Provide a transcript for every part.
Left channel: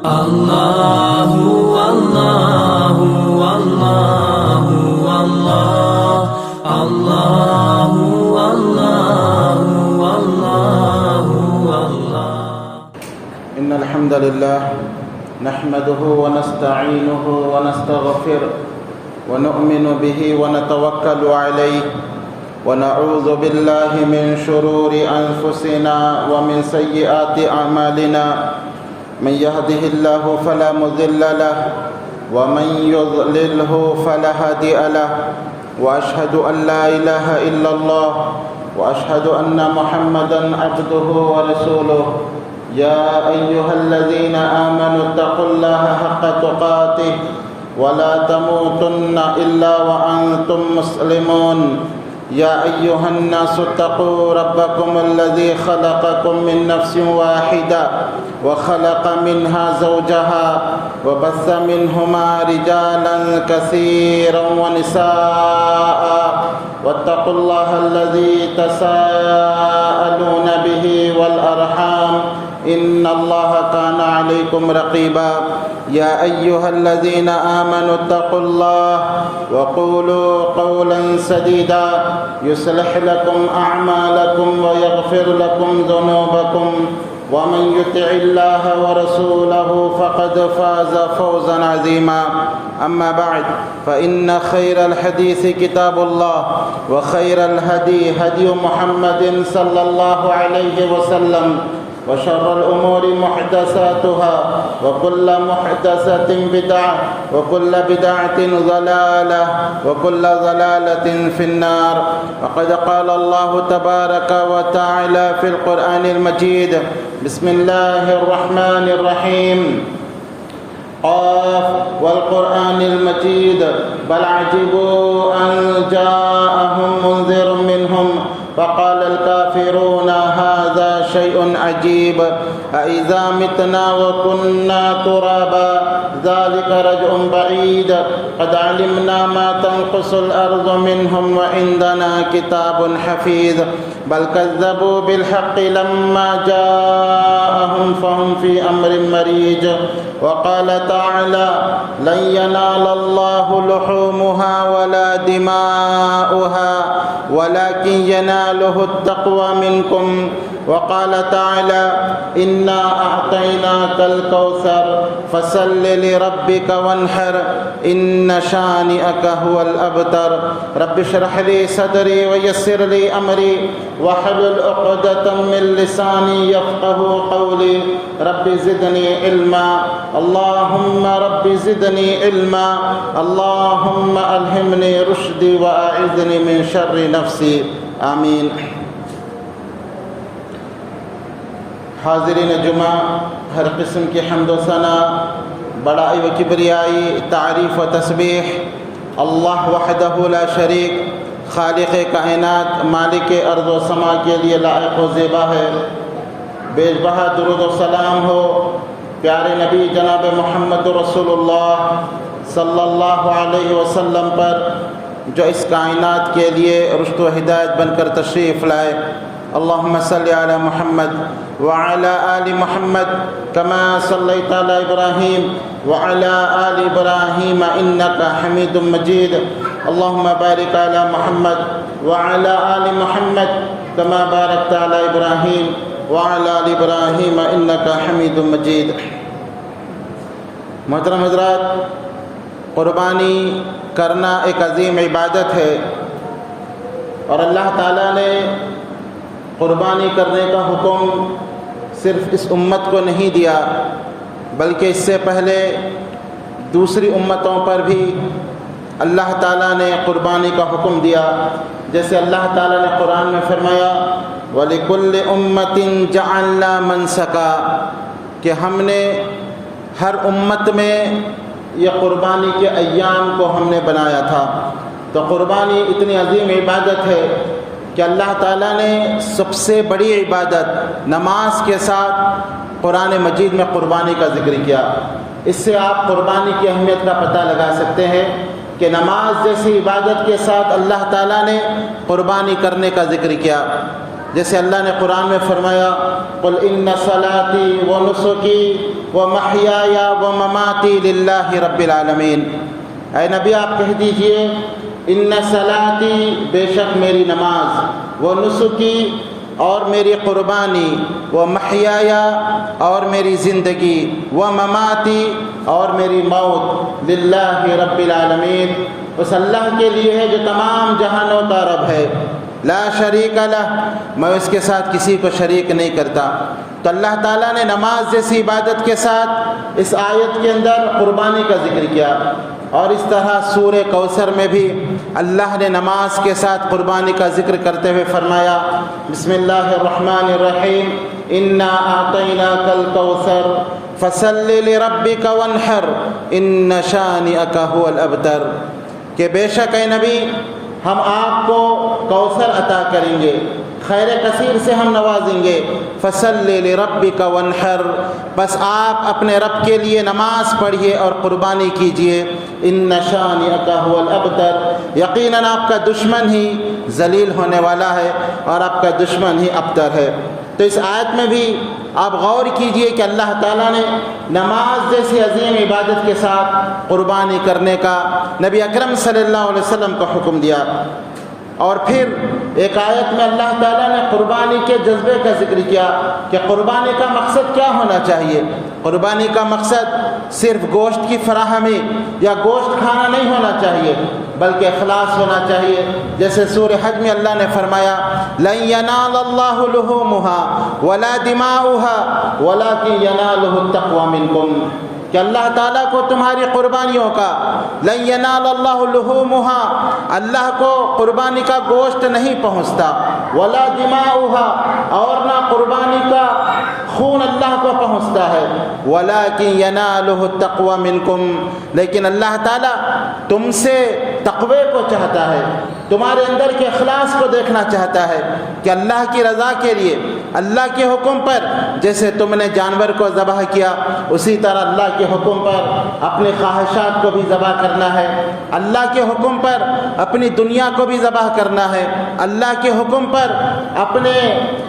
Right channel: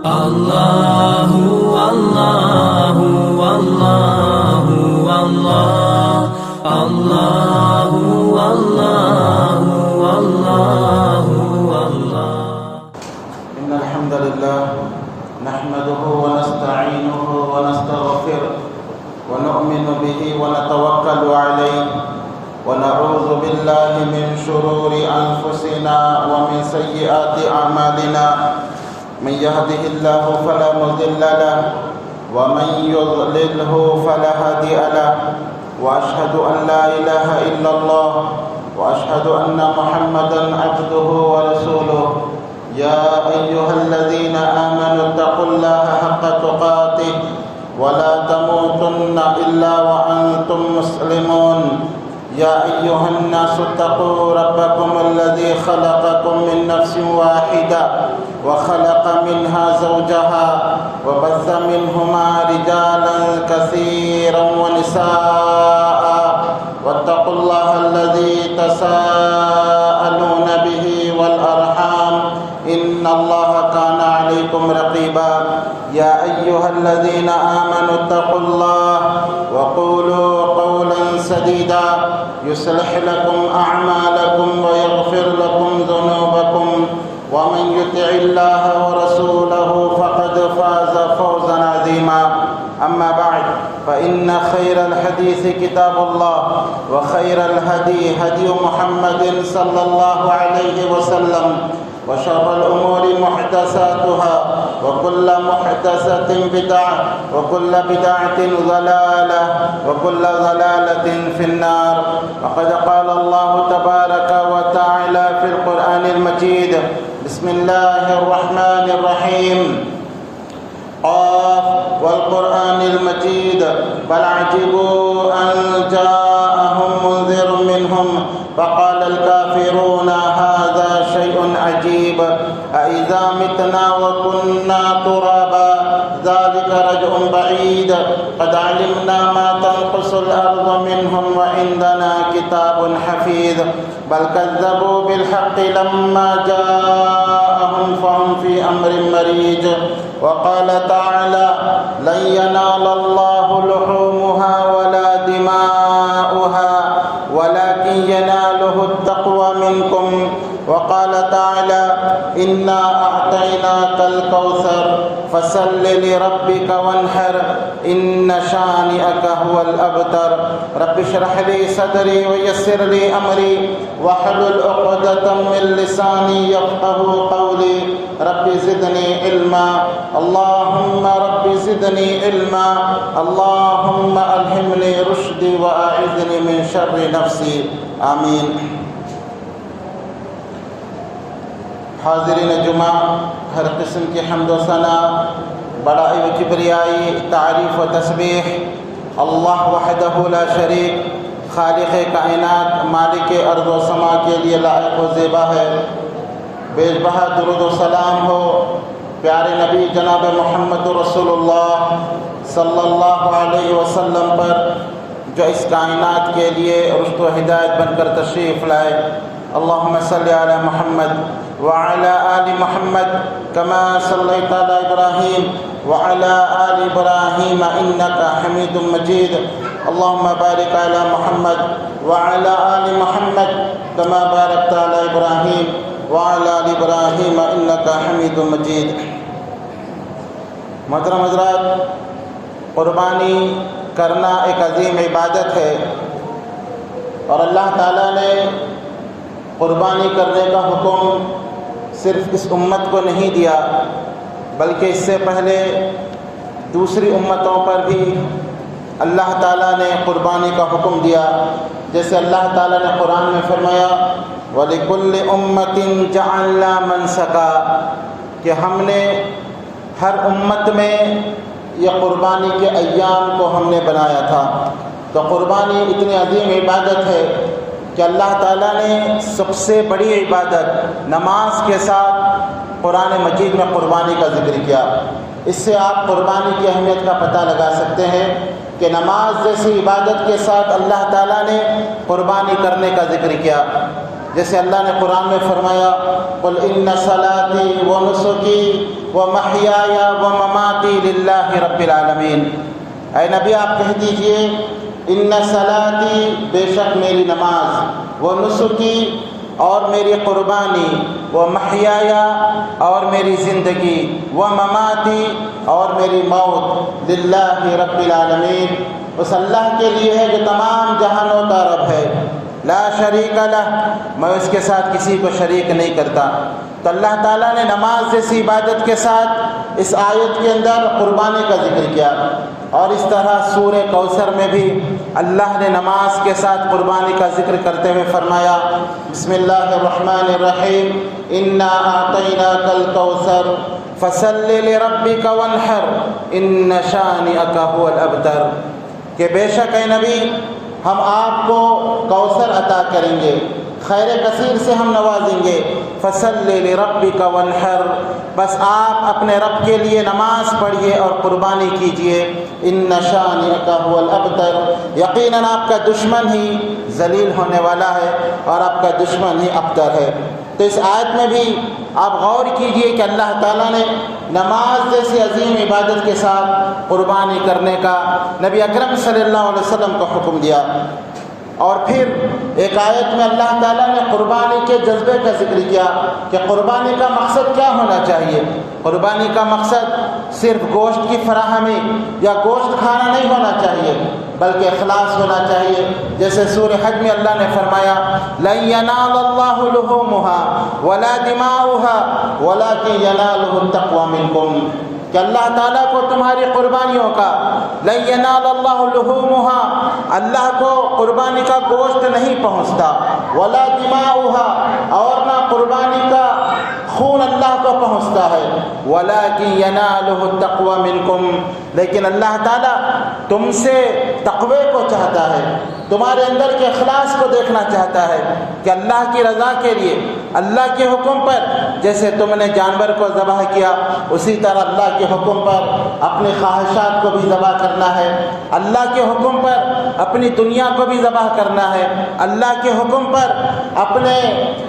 الله والله والله والله الله والله والله والله. إن الحمد لله نحمده ونستعينه ونستغفره ونؤمن به ونتوكل عليه ونعوذ بالله من شرور أنفسنا ومن سيئات أعمالنا. من يهده الله فلا مضل له ومن يضلله فلا هادي له وأشهد أن لا إله إلا الله وأشهد أن محمدا عبده ورسوله. يا أيها الذين آمنوا اتقوا الله حق تقاته ولا تموتن إلا وأنتم مسلمون. يا أيها الناس اتقوا ربكم الذي خلقكم من نفس واحدة وخلق منها زوجها وبث منهما رجالا كثيرا ونساء واتقوا الله الذي تساءلون به والأرحام إن الله كان عليكم رقيبا. يا أيها الذين آمنوا اتقوا الله وقولوا قولا سديدا يصلح لكم أعمالكم ويغفر لكم ذنوبكم ومن يطع الله ورسوله فقد فاز فوزا عظيما. أما بعد فإن خير الحديث كتاب الله وخير الهدي هدي محمد صلى الله عليه وسلم وشر الأمور محدثاتها وكل محدثة بدعة وكل بدعة ضلالة وكل ضلالة في النار. وقد قال الله تبارك وتعالى في القرآن المجيد: بسم الله الرحمن الرحيم. قاف والقرآن المجيد بل عجبوا أن جاءهم منذر منهم فقال الكافرون هذا شيء عجيب أإذا متنا وكنا ترابا ذلك رجع بعيد قد علمنا ما تنقص الأرض منهم وعندنا كتاب حفيظ بل كذبوا بالحق لما جاءهم فهم في أمر مريج. وقال تعالى: لن ينال الله لحومها ولا دماؤها ولكن يناله التقوى منكم. وقال تعالى: إنا أعطيناك الكوثر فصل لربك وانحر إن شانئك هو الأبتر. رب اشرح لي صدري ويسر لي أمري واحلل عقدة من لساني يفقه قولي. رب زدني علما اللهم رب زدني علما اللهم ألهمني رشدي وأعذني من شر نفسي آمين. حاضرین جمعہ، ہر قسم کی حمد و ثنا، بڑائی و کبریائی، تعریف و تسبیح اللہ وحدہ لا شریک، خالق کائنات، مالک ارض و سما کے لیے لائق و زیبا ہے. بے بہا درود و سلام ہو پیارے نبی جناب محمد رسول اللہ صلی اللہ علیہ وسلم پر، جو اس کائنات کے لیے رشد و ہدایت بن کر تشریف لائے. اللہم صلی علی محمد وعلى آل محمد كما صليت على إبراهيم وعلى آل إبراهيم إنك حميد مجيد. اللهم بارك على محمد وعلى آل محمد كما باركت على إبراهيم وعلى آل إبراهيم إنك حميد مجيد. محترم حضرات، قربانی کرنا ایک عظیم عبادت ہے اور اللہ تعالیٰ نے قربانی کرنے کا حکم صرف اس امت کو نہیں دیا بلکہ اس سے پہلے دوسری امتوں پر بھی اللہ تعالیٰ نے قربانی کا حکم دیا. جیسے اللہ تعالیٰ نے قرآن میں فرمایا: وَلِكُلِّ أُمَّةٍ جَعَلْنَا مَنْسَكًا، کہ ہم نے ہر امت میں یہ قربانی کے ایام کو ہم نے بنایا تھا. تو قربانی اتنی عظیم عبادت ہے کہ اللہ تعالیٰ نے سب سے بڑی عبادت نماز کے ساتھ قرآن مجید میں قربانی کا ذکر کیا. اس سے آپ قربانی کی اہمیت کا پتہ لگا سکتے ہیں کہ نماز جیسی عبادت کے ساتھ اللہ تعالیٰ نے قربانی کرنے کا ذکر کیا. جیسے اللہ نے قرآن میں فرمایا قل ان صلاتی و نسکی و محیای و مماتی للہ رب العالمین، اے نبی آپ کہہ دیجئے ان صلاتی بے شک میری نماز، و نسکی اور میری قربانی، و محیایا اور میری زندگی، و مماتی اور میری موت، للہ رب العالمین اس اللہ کے لیے ہے جو تمام جہانوں کا رب ہے، لا شریک لہ میں اس کے ساتھ کسی کو شریک نہیں کرتا۔ تو اللہ تعالیٰ نے نماز جیسی عبادت کے ساتھ اس آیت کے اندر قربانی کا ذکر کیا، اور اس طرح سورہ کوثر میں بھی اللہ نے نماز کے ساتھ قربانی کا ذکر کرتے ہوئے فرمایا بسم اللہ الرحمن الرحیم انا اعطیناک الکوثر فصل لربک وانحر ان شانئک هو الابتر، کہ بے شک اے نبی ہم آپ کو کوثر عطا کریں گے، خیر کثیر سے ہم نوازیں گے، فصل لربک وانحر بس آپ اپنے رب کے لیے نماز پڑھیے اور قربانی کیجیے، ان شانئک هو الابتر یقیناً آپ کا دشمن ہی ذلیل ہونے والا ہے اور آپ کا دشمن ہی ابتر ہے۔ تو اس آیت میں بھی آپ غور کیجئے کہ اللہ تعالیٰ نے نماز جیسی عظیم عبادت کے ساتھ قربانی کرنے کا نبی اکرم صلی اللہ علیہ وسلم کو حکم دیا، اور پھر ایک آیت میں اللہ تعالیٰ نے قربانی کے جذبے کا ذکر کیا کہ قربانی کا مقصد کیا ہونا چاہیے۔ قربانی کا مقصد صرف گوشت کی فراہمی یا گوشت کھانا نہیں ہونا چاہیے، بلکہ اخلاص ہونا چاہیے، جیسے سورہ حج میں اللہ نے فرمایا لن ینال اللہ لحومها ولا دماؤها ولکن ینالہ التقوی منکم، کہ اللہ تعالیٰ کو تمہاری قربانیوں کا، لن ینال اللہ لحومها اللہ کو قربانی کا گوشت نہیں پہنچتا، ولا دماؤها اور نہ قربانی کا خون اللہ کو پہنچتا ہے، ولیکن ینالہ التقوی منکم لیکن اللہ تعالیٰ تم سے تقوی کو چاہتا ہے، تمہارے اندر کے اخلاص کو دیکھنا چاہتا ہے کہ اللہ کی رضا کے لیے اللہ کے حکم پر جیسے تم نے جانور کو ذبح کیا اسی طرح اللہ کے حکم پر اپنی خواہشات کو بھی ذبح کرنا ہے، اللہ کے حکم پر اپنی دنیا کو بھی ذبح کرنا ہے، اللہ کے حکم پر اپنے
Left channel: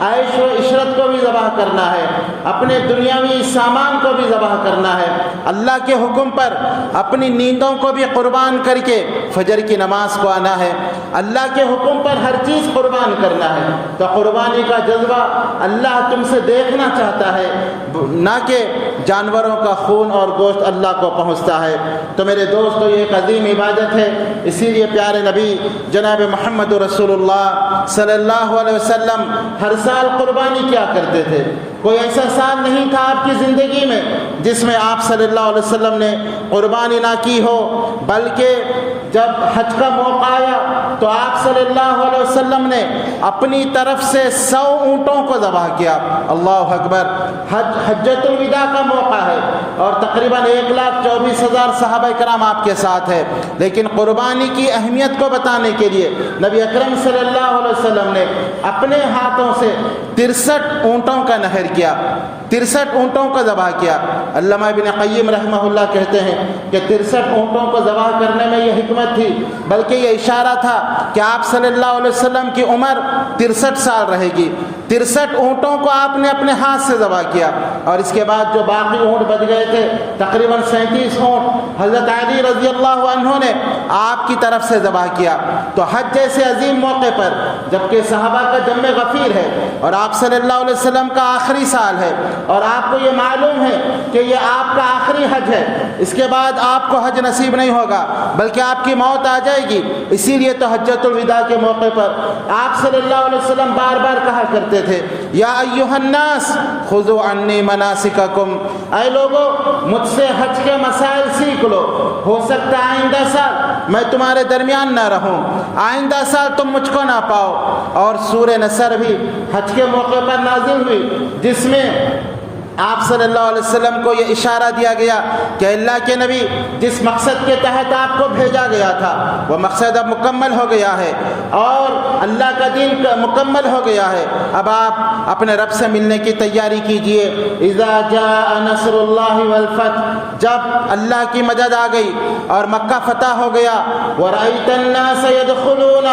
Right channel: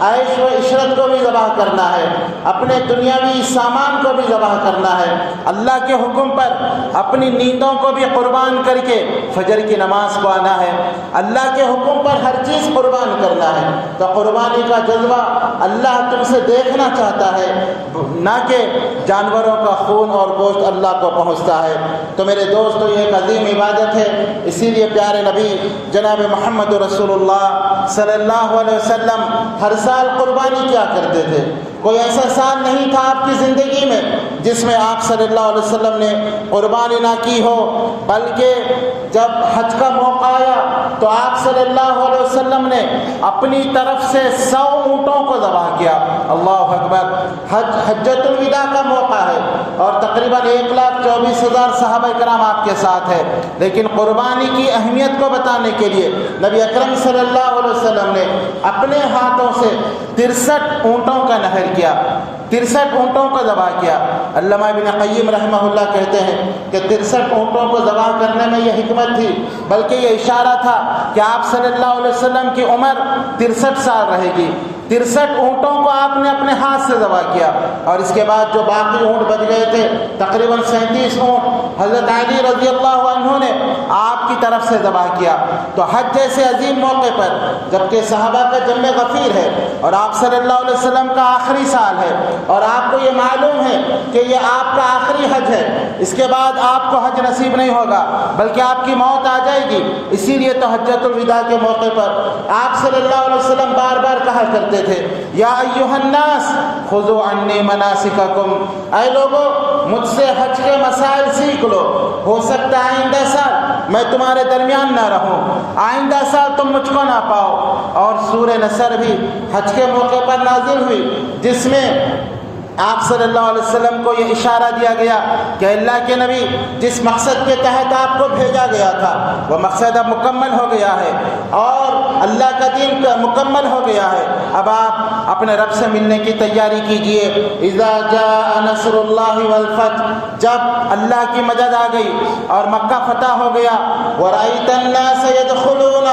عیش و عشرت کو بھی ذبح کرنا ہے، اپنے دنیاوی سامان کو بھی ذبح کرنا ہے، اللہ کے حکم پر اپنی نیندوں کو بھی قربان کر کے فجر کی نماز کو آنا ہے، اللہ کے حکم پر ہر چیز قربان کرنا ہے۔ تو قربانی کا جذبہ اللہ تم سے دیکھنا چاہتا ہے، نہ کہ جانوروں کا خون اور گوشت اللہ کو پہنچتا ہے۔ تو میرے دوستو یہ ایک عظیم عبادت ہے، اسی لیے پیارے نبی جناب محمد رسول اللہ صلی اللہ علیہ وسلم ہر سال قربانی کیا کرتے تھے۔ کوئی ایسا سال نہیں تھا آپ کی زندگی میں جس میں آپ صلی اللہ علیہ وسلم نے قربانی نہ کی ہو، بلکہ جب حج کا موقع آیا تو آپ صلی اللہ علیہ وسلم نے اپنی طرف سے 100 اونٹوں کو ذبح کیا۔ اللہ اکبر، حجۃ الوداع کا موقع ہے اور تقریباً 1,24,000 صحابہ کرام آپ کے ساتھ ہے، لیکن قربانی کی اہمیت کو بتانے کے لیے نبی اکرم صلی اللہ علیہ وسلم نے اپنے ہاتھوں سے 63 اونٹوں کا نحر کیا، 63 اونٹوں کو ذبح کیا۔ علامہ ابن قیم رحمہ اللہ کہتے ہیں کہ 63 اونٹوں کو ذبح کرنے میں یہ حکمت تھی، بلکہ یہ اشارہ تھا کہ آپ صلی اللہ علیہ وسلم کی عمر 63 سال رہے گی۔ 63 اونٹوں کو آپ نے اپنے ہاتھ سے ذبح کیا، اور اس کے بعد جو باقی اونٹ بچ گئے تھے تقریباً 37 اونٹ حضرت علی رضی اللہ عنہ نے آپ کی طرف سے ذبح کیا۔ تو حج جیسے عظیم موقع پر جبکہ صحابہ کا جمع غفیر ہے اور آپ صلی اللہ علیہ وسلم کا آخری سال ہے اور آپ کو یہ معلوم ہے کہ یہ آپ کا آخری حج ہے، اس کے بعد آپ کو حج نصیب نہیں ہوگا بلکہ آپ کی موت آ جائے گی، اسی لیے تو حجۃ الوداع کے موقع پر آپ صلی اللہ علیہ وسلم بار بار کہا کرتے تھے یا ایھا الناس خذوا عنی مناسککم، اے لوگو مجھ سے حج کے مسائل سیکھ لو، ہو سکتا ہے آئندہ سال میں تمہارے درمیان نہ رہوں، آئندہ سال تم مجھ کو نہ پاؤ۔ اور سورہ نصر بھی حج کے موقع پر نازل ہوئی جس میں آپ صلی اللہ علیہ وسلم کو یہ اشارہ دیا گیا کہ اللہ کے نبی جس مقصد کے تحت آپ کو بھیجا گیا تھا وہ مقصد اب مکمل ہو گیا ہے، اور اللہ کا دین مکمل ہو گیا ہے۔ اب آپ اپنے رب سے ملنے کی تیاری کیجئے۔ اذا جاء نصر اللہ والفتح، جب اللہ کی مدد آ گئی اور مکہ فتح ہو گیا، ورأیت الناس يدخلون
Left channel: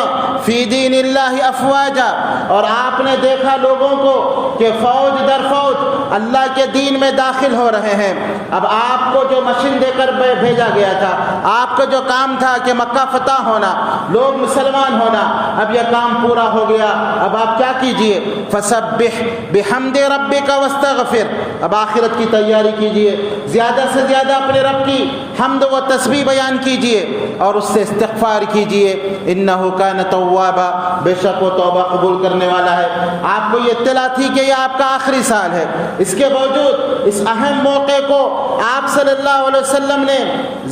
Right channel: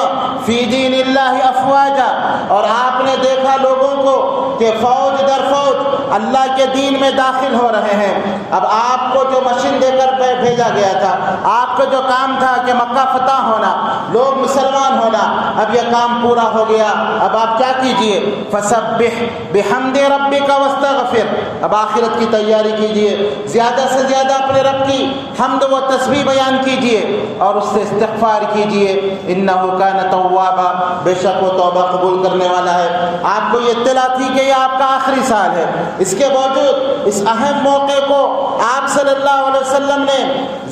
فی دین اللہ افواجا، اور آپ نے دیکھا لوگوں کو کہ فوج در فوج اللہ کے دین میں داخل ہو رہے ہیں۔ اب آپ کو جو مشن دے کر بھیجا گیا تھا، آپ کا جو کام تھا کہ مکہ فتح ہونا، لوگ مسلمان ہونا، اب یہ کام پورا ہو گیا۔ اب آپ کیا کیجئے؟ فسبح بحمد ربک واستغفر، اب آخرت کی تیاری کیجئے، زیادہ سے زیادہ اپنے رب کی حمد و تسبیح بیان کیجئے اور اس سے استغفار کیجئے۔ انہ کان توابا، بے شک وہ توبہ قبول کرنے والا ہے۔ آپ کو یہ اطلاع تھی کہ یہ آپ کا آخری سال ہے، اس کے باوجود اس اہم موقع کو آپ صلی اللہ علیہ وسلم نے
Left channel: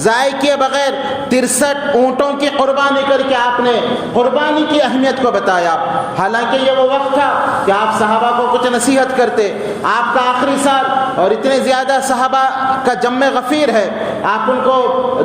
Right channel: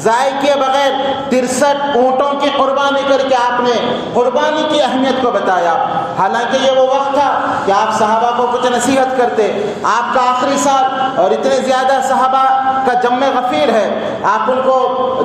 ضائع کیے بغیر 63 اونٹوں کی قربانی کر کے آپ نے قربانی کی اہمیت کو بتایا۔ حالانکہ یہ وہ وقت تھا کہ آپ صحابہ کو کچھ نصیحت کرتے، آپ کا آخری سال اور اتنے زیادہ صحابہ کا جمع غفیر ہے، آپ ان کو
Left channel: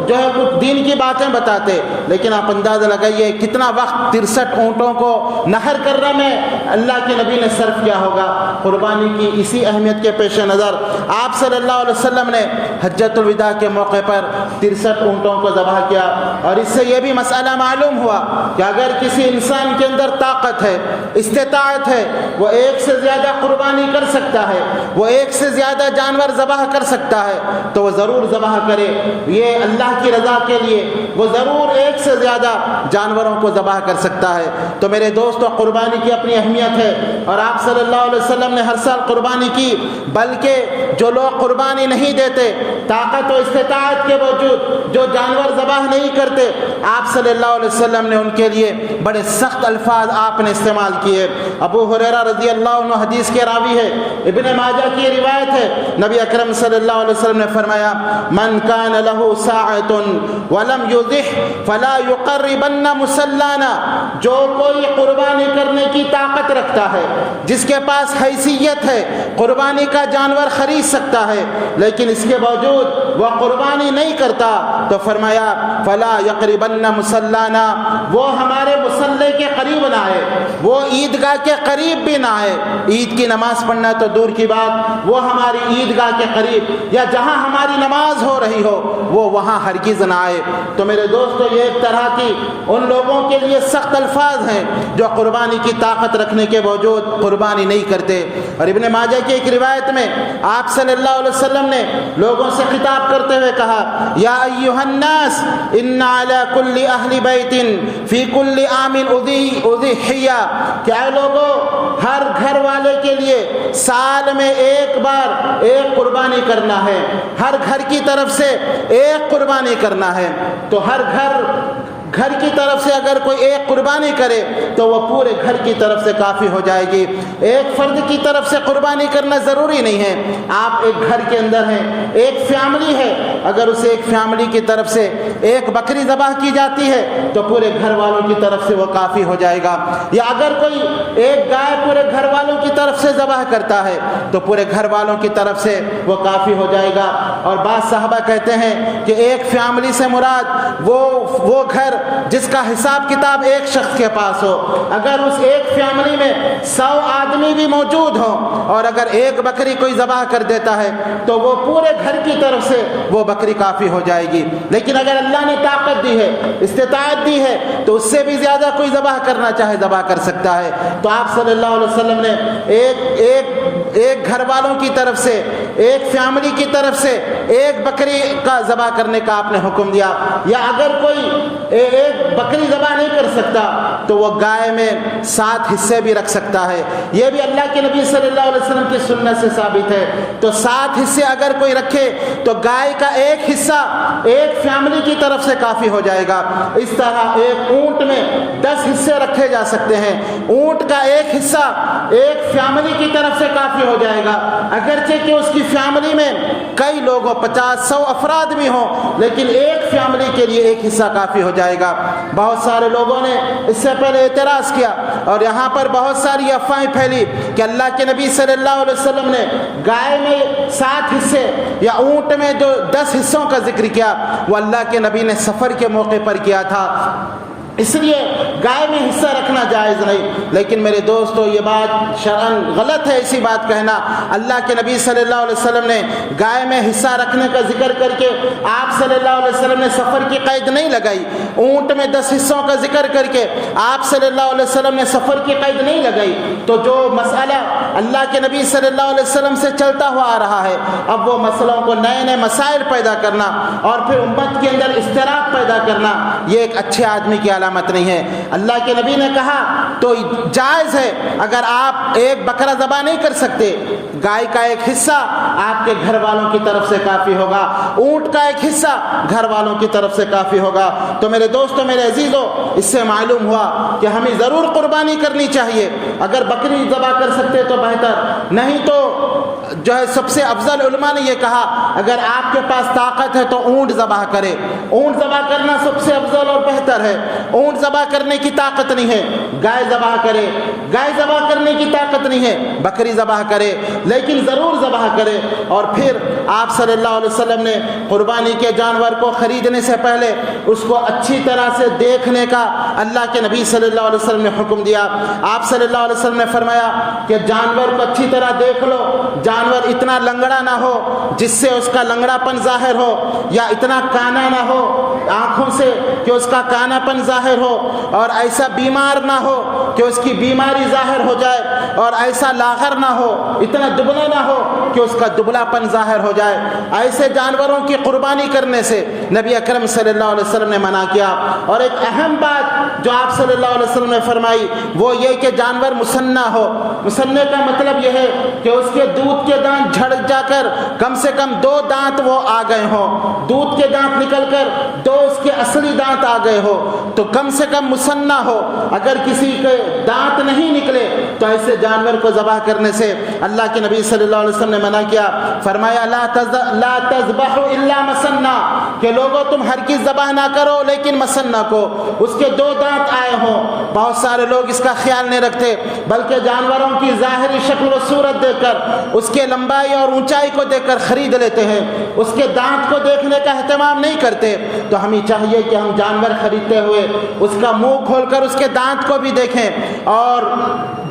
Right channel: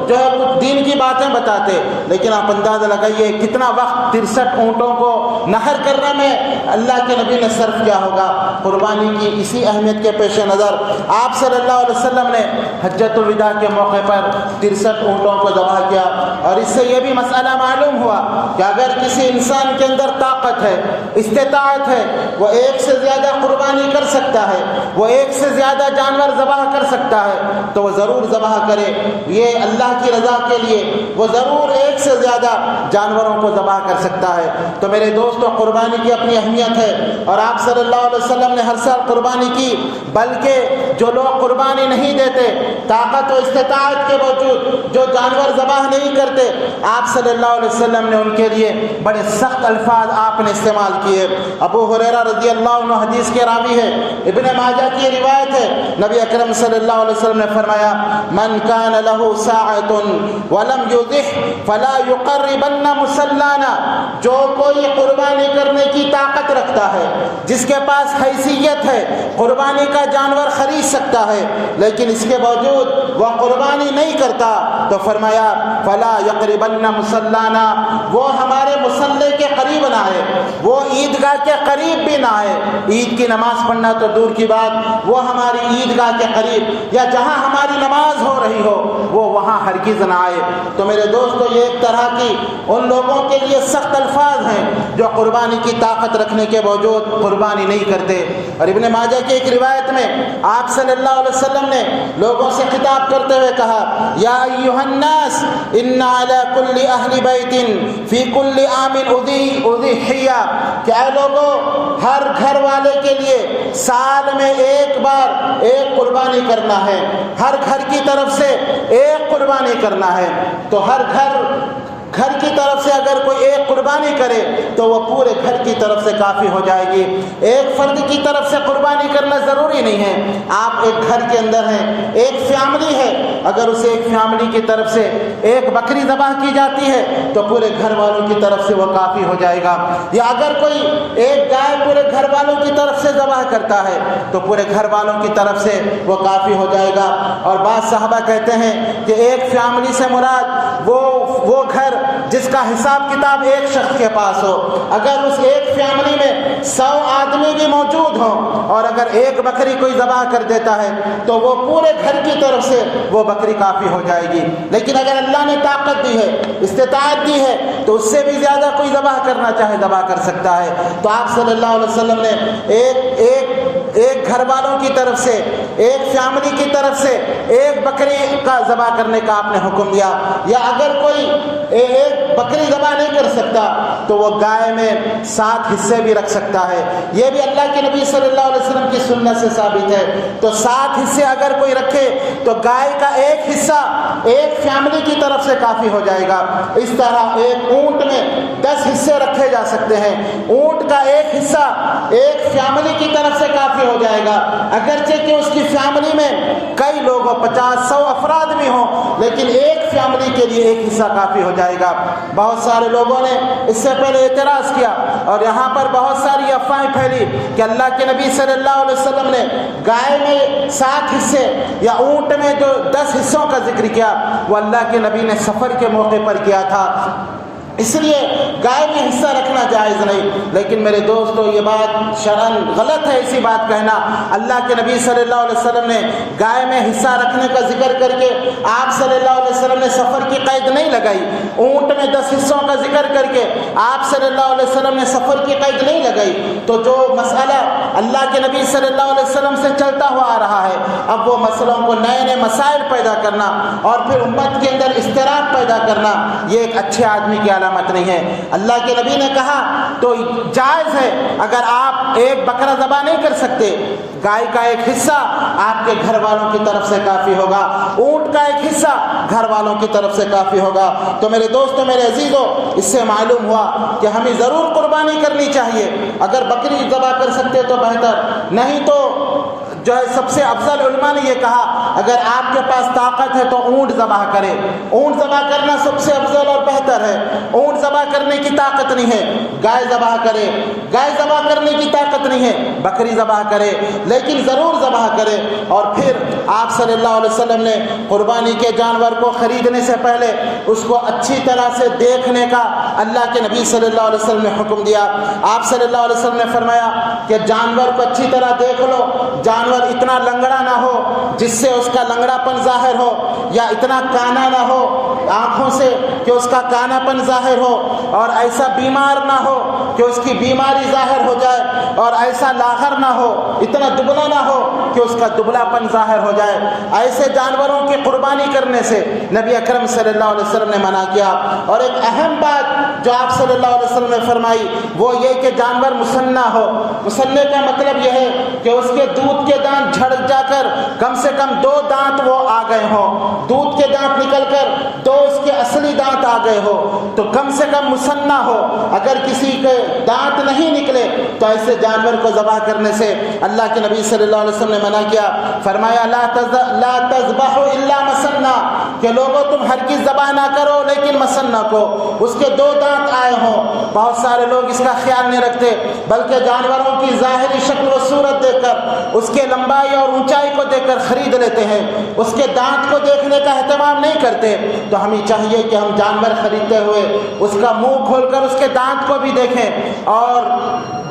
جو ہے کچھ دین کی باتیں بتاتے، لیکن آپ اندازہ لگائیے کتنا وقت 63 اونٹوں کو نحر کرنے میں اللہ کے نبی نے صرف کیا ہوگا۔ قربانی کی اسی اہمیت کے پیش نظر آپ صلی اللہ علیہ وسلم نے حجۃ الوداع کے موقع پر 63 اونٹوں کو ذبح کیا، اور اس سے یہ بھی مسئلہ معلوم ہوا کہ اگر کسی انسان کے اندر طاقت ہے، استطاعت ہے، وہ ایک سے زیادہ قربانی کر سکتا ہے، وہ ایک سے زیادہ جانور ذبح کر سکتا ہے، تو وہ ضرور ذبح کرے۔ یہ اللہ کی رضا کے لیے وہ ضرور ایک سے زیادہ جانوروں کو ذبح کر سکتا ہے۔ تو میرے دوستو، قربانی کی اپنی اہمیت ہے، اور آپ صلی اللہ علیہ وسلم نے ہر سال قربانی کی، بلکہ جو لوگ قربانی نہیں دیتے، طاقت و استطاعت کے باوجود جو جانور ذبح نہیں کرتے، آپ صلی اللہ علیہ وسلم نے ان کے لیے بڑے سخت الفاظ آپ نے استعمال کیے۔ ابو ہریرہ رضی اللہ عنہ حدیث کے راوی ہے، ابن ماجہ کی روایت ہے، نبی اکرم صلی اللہ علیہ وسلم نے فرمایا، من کان لہ ساعۃ ولم یضح فلا یقربن مصلانا، جو کوئی قربانی کرنے کی طاقت رکھتا ہے، جس کے پاس حیثیت ہے، قربانی کا جانور خرید سکتا ہے، لیکن اس کے باوجود وہ قربانی نہیں کرتا، تو فرمایا فلا یقربن مصلانا، وہ ہمارے مصلے کے قریب نہ آئے، وہ عیدگاہ کے قریب بھی نہ آئے۔ عید کی نماز پڑھنا تو دور کی بات، وہ ہماری عیدگاہ کے قریب یا جہاں ہماری نماز ہو رہی ہو وہ وہاں ہرگز نہ آئے۔ تو میرے دوستو، یہ ایک طرح کی ان لوگوں کے لیے سخت الفاظ ہیں جو قربانی کی طاقت رکھنے کے باوجود قربانی نہیں کرتے۔ اور ابن ماجہ کی ایک روایت میں آپ صلی اللہ علیہ وسلم نے لوگوں سے خطاب کرتے ہوئے کہا، یا ایھا الناس ان علی کل اہل بیت فی کل عام اضحیہ، کہ اے لوگوں، ہر گھر والے کے لیے سال میں ایک بار ایک قربانی کرنا ہے، ہر گھر کی طرف سے ایک قربانی کرنا ہے۔ تو ہر گھر کی طرف سے اگر کوئی ایک قربانی کرے تو وہ پورے گھر کی طرف سے کافی ہو جائے گی۔ ایک فرد کی طرف سے قربانی کرنا ضروری نہیں ہے۔ آپ ایک گھر کے اندر ہیں، ایک فیملی ہے، اگر اسے ایک فیملی کی طرف سے ایک بکری ذبح کی جاتی ہے تو پورے گھر والوں کی طرف سے وہ کافی ہو جائے گا۔ یا اگر کوئی ایک گائے پورے گھر والوں کی طرف سے ذبح کرتا ہے تو پورے گھر والوں کی طرف سے وہ کافی ہو جائے گا۔ اور بعض صحابہ کہتے ہیں کہ ایک فیملی سے مراد وہ گھر جس کا حساب کتاب ایک شخص کے پاس ہو۔ اگر اس ایک فیملی میں 100 آدمی بھی موجود ہوں اور اگر ایک بکری کوئی ذبح کر دیتا ہے تو وہ پورے گھر کی طرف سے وہ بکری کافی ہو جائے گی۔ لیکن اگر اللہ نے طاقت دی ہے، استطاعت دی ہے، تو اس سے بھی زیادہ کوئی ذبح کرنا چاہے ذبح کر سکتا ہے۔ تو آپ صلی اللہ علیہ وسلم نے ایک گھر والوں کی طرف سے، ایک فیملی کی طرف سے ایک بکری کا ذبح کرنے کا آپ نے حکم دیا۔ یا اگر کوئی ایک بکری ذبح نہیں کر سکتا تو وہ گائے میں 7 حصے بھی رکھ سکتا ہے۔ یہ بھی اللہ کے نبی صلی اللہ علیہ وسلم کی سنت سے ثابت ہے۔ تو 7 حصے اگر کوئی رکھے تو گائے کا ایک حصہ ایک فیملی کی طرف سے کافی ہو جائے گا۔ اس طرح ایک اونٹ میں 10 حصے رکھے جا سکتے ہیں، اونٹ کا ایک حصہ ایک فیملی کی طرف سے کافی ہو جائے گا، اگرچہ کہ اس کی فیملی میں کئی لوگ ہوں، 50-100 افراد بھی ہوں، لیکن ایک فیملی کے لیے ایک حصہ کافی ہو جائے گا۔ بہت سارے لوگوں نے اس سے پہلے اعتراض کیا اور یہاں پر بہت ساری افواہیں پھیلی کہ اللہ کے نبی صلی اللہ علیہ وسلم نے گائے میں 7 حصے یا اونٹ میں جو 10 حصوں کا ذکر کیا وہ اللہ کے نبی نے سفر کے موقع پر کیا تھا۔ اس لیے گائے میں حصہ رکھنا جائز نہیں۔ لیکن میرے دوستو یہ بات شرعاً غلط ہے ایسی بات کہنا۔ اللہ کے نبی صلی اللہ علیہ وسلم نے گائے میں حصہ رکھنے کا ذکر کر کے آپ صلی اللہ علیہ وسلم نے سفر کی قید نہیں لگائی۔ اونٹ میں 10 حصوں کا ذکر کر کے آپ صلی اللہ علیہ وسلم نے سفر کی قید نہیں لگائی۔ تو جو مسئلہ اللہ کے نبی صلی اللہ علیہ وسلم سے چلتا ہوا آ رہا ہے، اب وہ مسئلوں کو نئے نئے مسائل پیدا کرنا اور پھر امت کے اندر اضطراب پیدا کرنا، یہ ایک اچھے آدمی کی علامت نہیں ہے۔ اللہ کے نبی نے کہا تو جائز ہے، اگر آپ ایک بکرا ذبح نہیں کر سکتے، گائے کا ایک حصہ آپ کے گھر والوں کی طرف سے کافی ہوگا، اونٹ کا ایک حصہ گھر والوں کی طرف سے کافی ہوگا۔ تو میرے دوستو، میرے عزیزو، اس سے معلوم ہوا کہ ہمیں ضرور قربانی کرنی چاہیے۔ اگر بکری ذبح کر سکتے تو بہتر، نہیں تو جو ہے سب سے افضل علماء نے یہ کہا اگر آپ کے پاس طاقت ہے تو اونٹ ذبح کرے۔ اونٹ ذبح کرنا سب سے افضل اور بہتر ہے۔ اونٹ ذبح کرنے کی طاقت نہیں ہے، گائے ذبح کرے۔ گائے ذبح کرنے کی طاقت نہیں ہے، بکری ذبح کرے، لیکن ضرور ذبح کرے۔ اور پھر آپ صلی اللہ علیہ وسلم نے قربانی کے جانور کو خریدنے سے پہلے اس کو اچھی طرح سے دیکھنے کا اللہ کے نبی صلی اللہ علیہ وسلم نے حکم دیا۔ آپ صلی اللہ علیہ وسلم نے فرمایا کہ جانور کو اچھی طرح دیکھ لو، جانور اتنا لنگڑا نہ ہو جس سے اس کا لنگڑا پن ظاہر ہو، یا اتنا کانا نہ ہو آنکھوں سے کہ اس کا کانا پن ظاہر ہو، اور ایسا بیمار نہ ہو کہ اس کی بیماری ظاہر ہو جائے، اور ایسا لاغر نہ ہو، اتنا دبلا نہ ہو کہ اس کا دبلا پن ظاہر ہو جائے۔ ایسے جانوروں کی قربانی کرنے سے نبی اکرم صلی اللہ علیہ وسلم نے منع کیا۔ اور ایک اہم بات جو آپ صلی اللہ علیہ وسلم نے فرمائی وہ یہ کہ جانور مسنہ ہو۔ مسنہ کا مطلب یہ ہے کہ اس کے دودھ کے دانت جھڑ جا کر کم سے کم 2 دانت وہ آ گئے ہوں، دودھ کے دانت نکل کر 2 اس کے اصلی دانت آ گئے ہو تو کم سے کم مسنہ ہو۔ اگر کسی کے دانت نہیں نکلے تو ایسے جانور کو ذبح کرنے سے اللہ کے نبی صلی اللہ علیہ وسلم نے منع کیا۔ فرمایا لا تذبحوا الا مسنہ، کہ لوگوں تم ہرگز ذبح نہ کرو لیکن مسنہ کو، اس کے 2 دانت آئے ہوں۔ بہت سارے لوگ اس کا خیال نہیں رکھتے، بلکہ جانوروں کی ظاہری شکل و صورت دیکھ کر، اس کے لمبائی اور اونچائی کو دیکھ کر خرید لیتے ہیں، اس کے دانت کو دیکھنے کا اہتمام نہیں کرتے۔ تو ہمیں چاہیے کہ ہم جانور خریدتے ہوئے اس کا منہ کھول کر اس کے دانت کو بھی دیکھیں۔ اور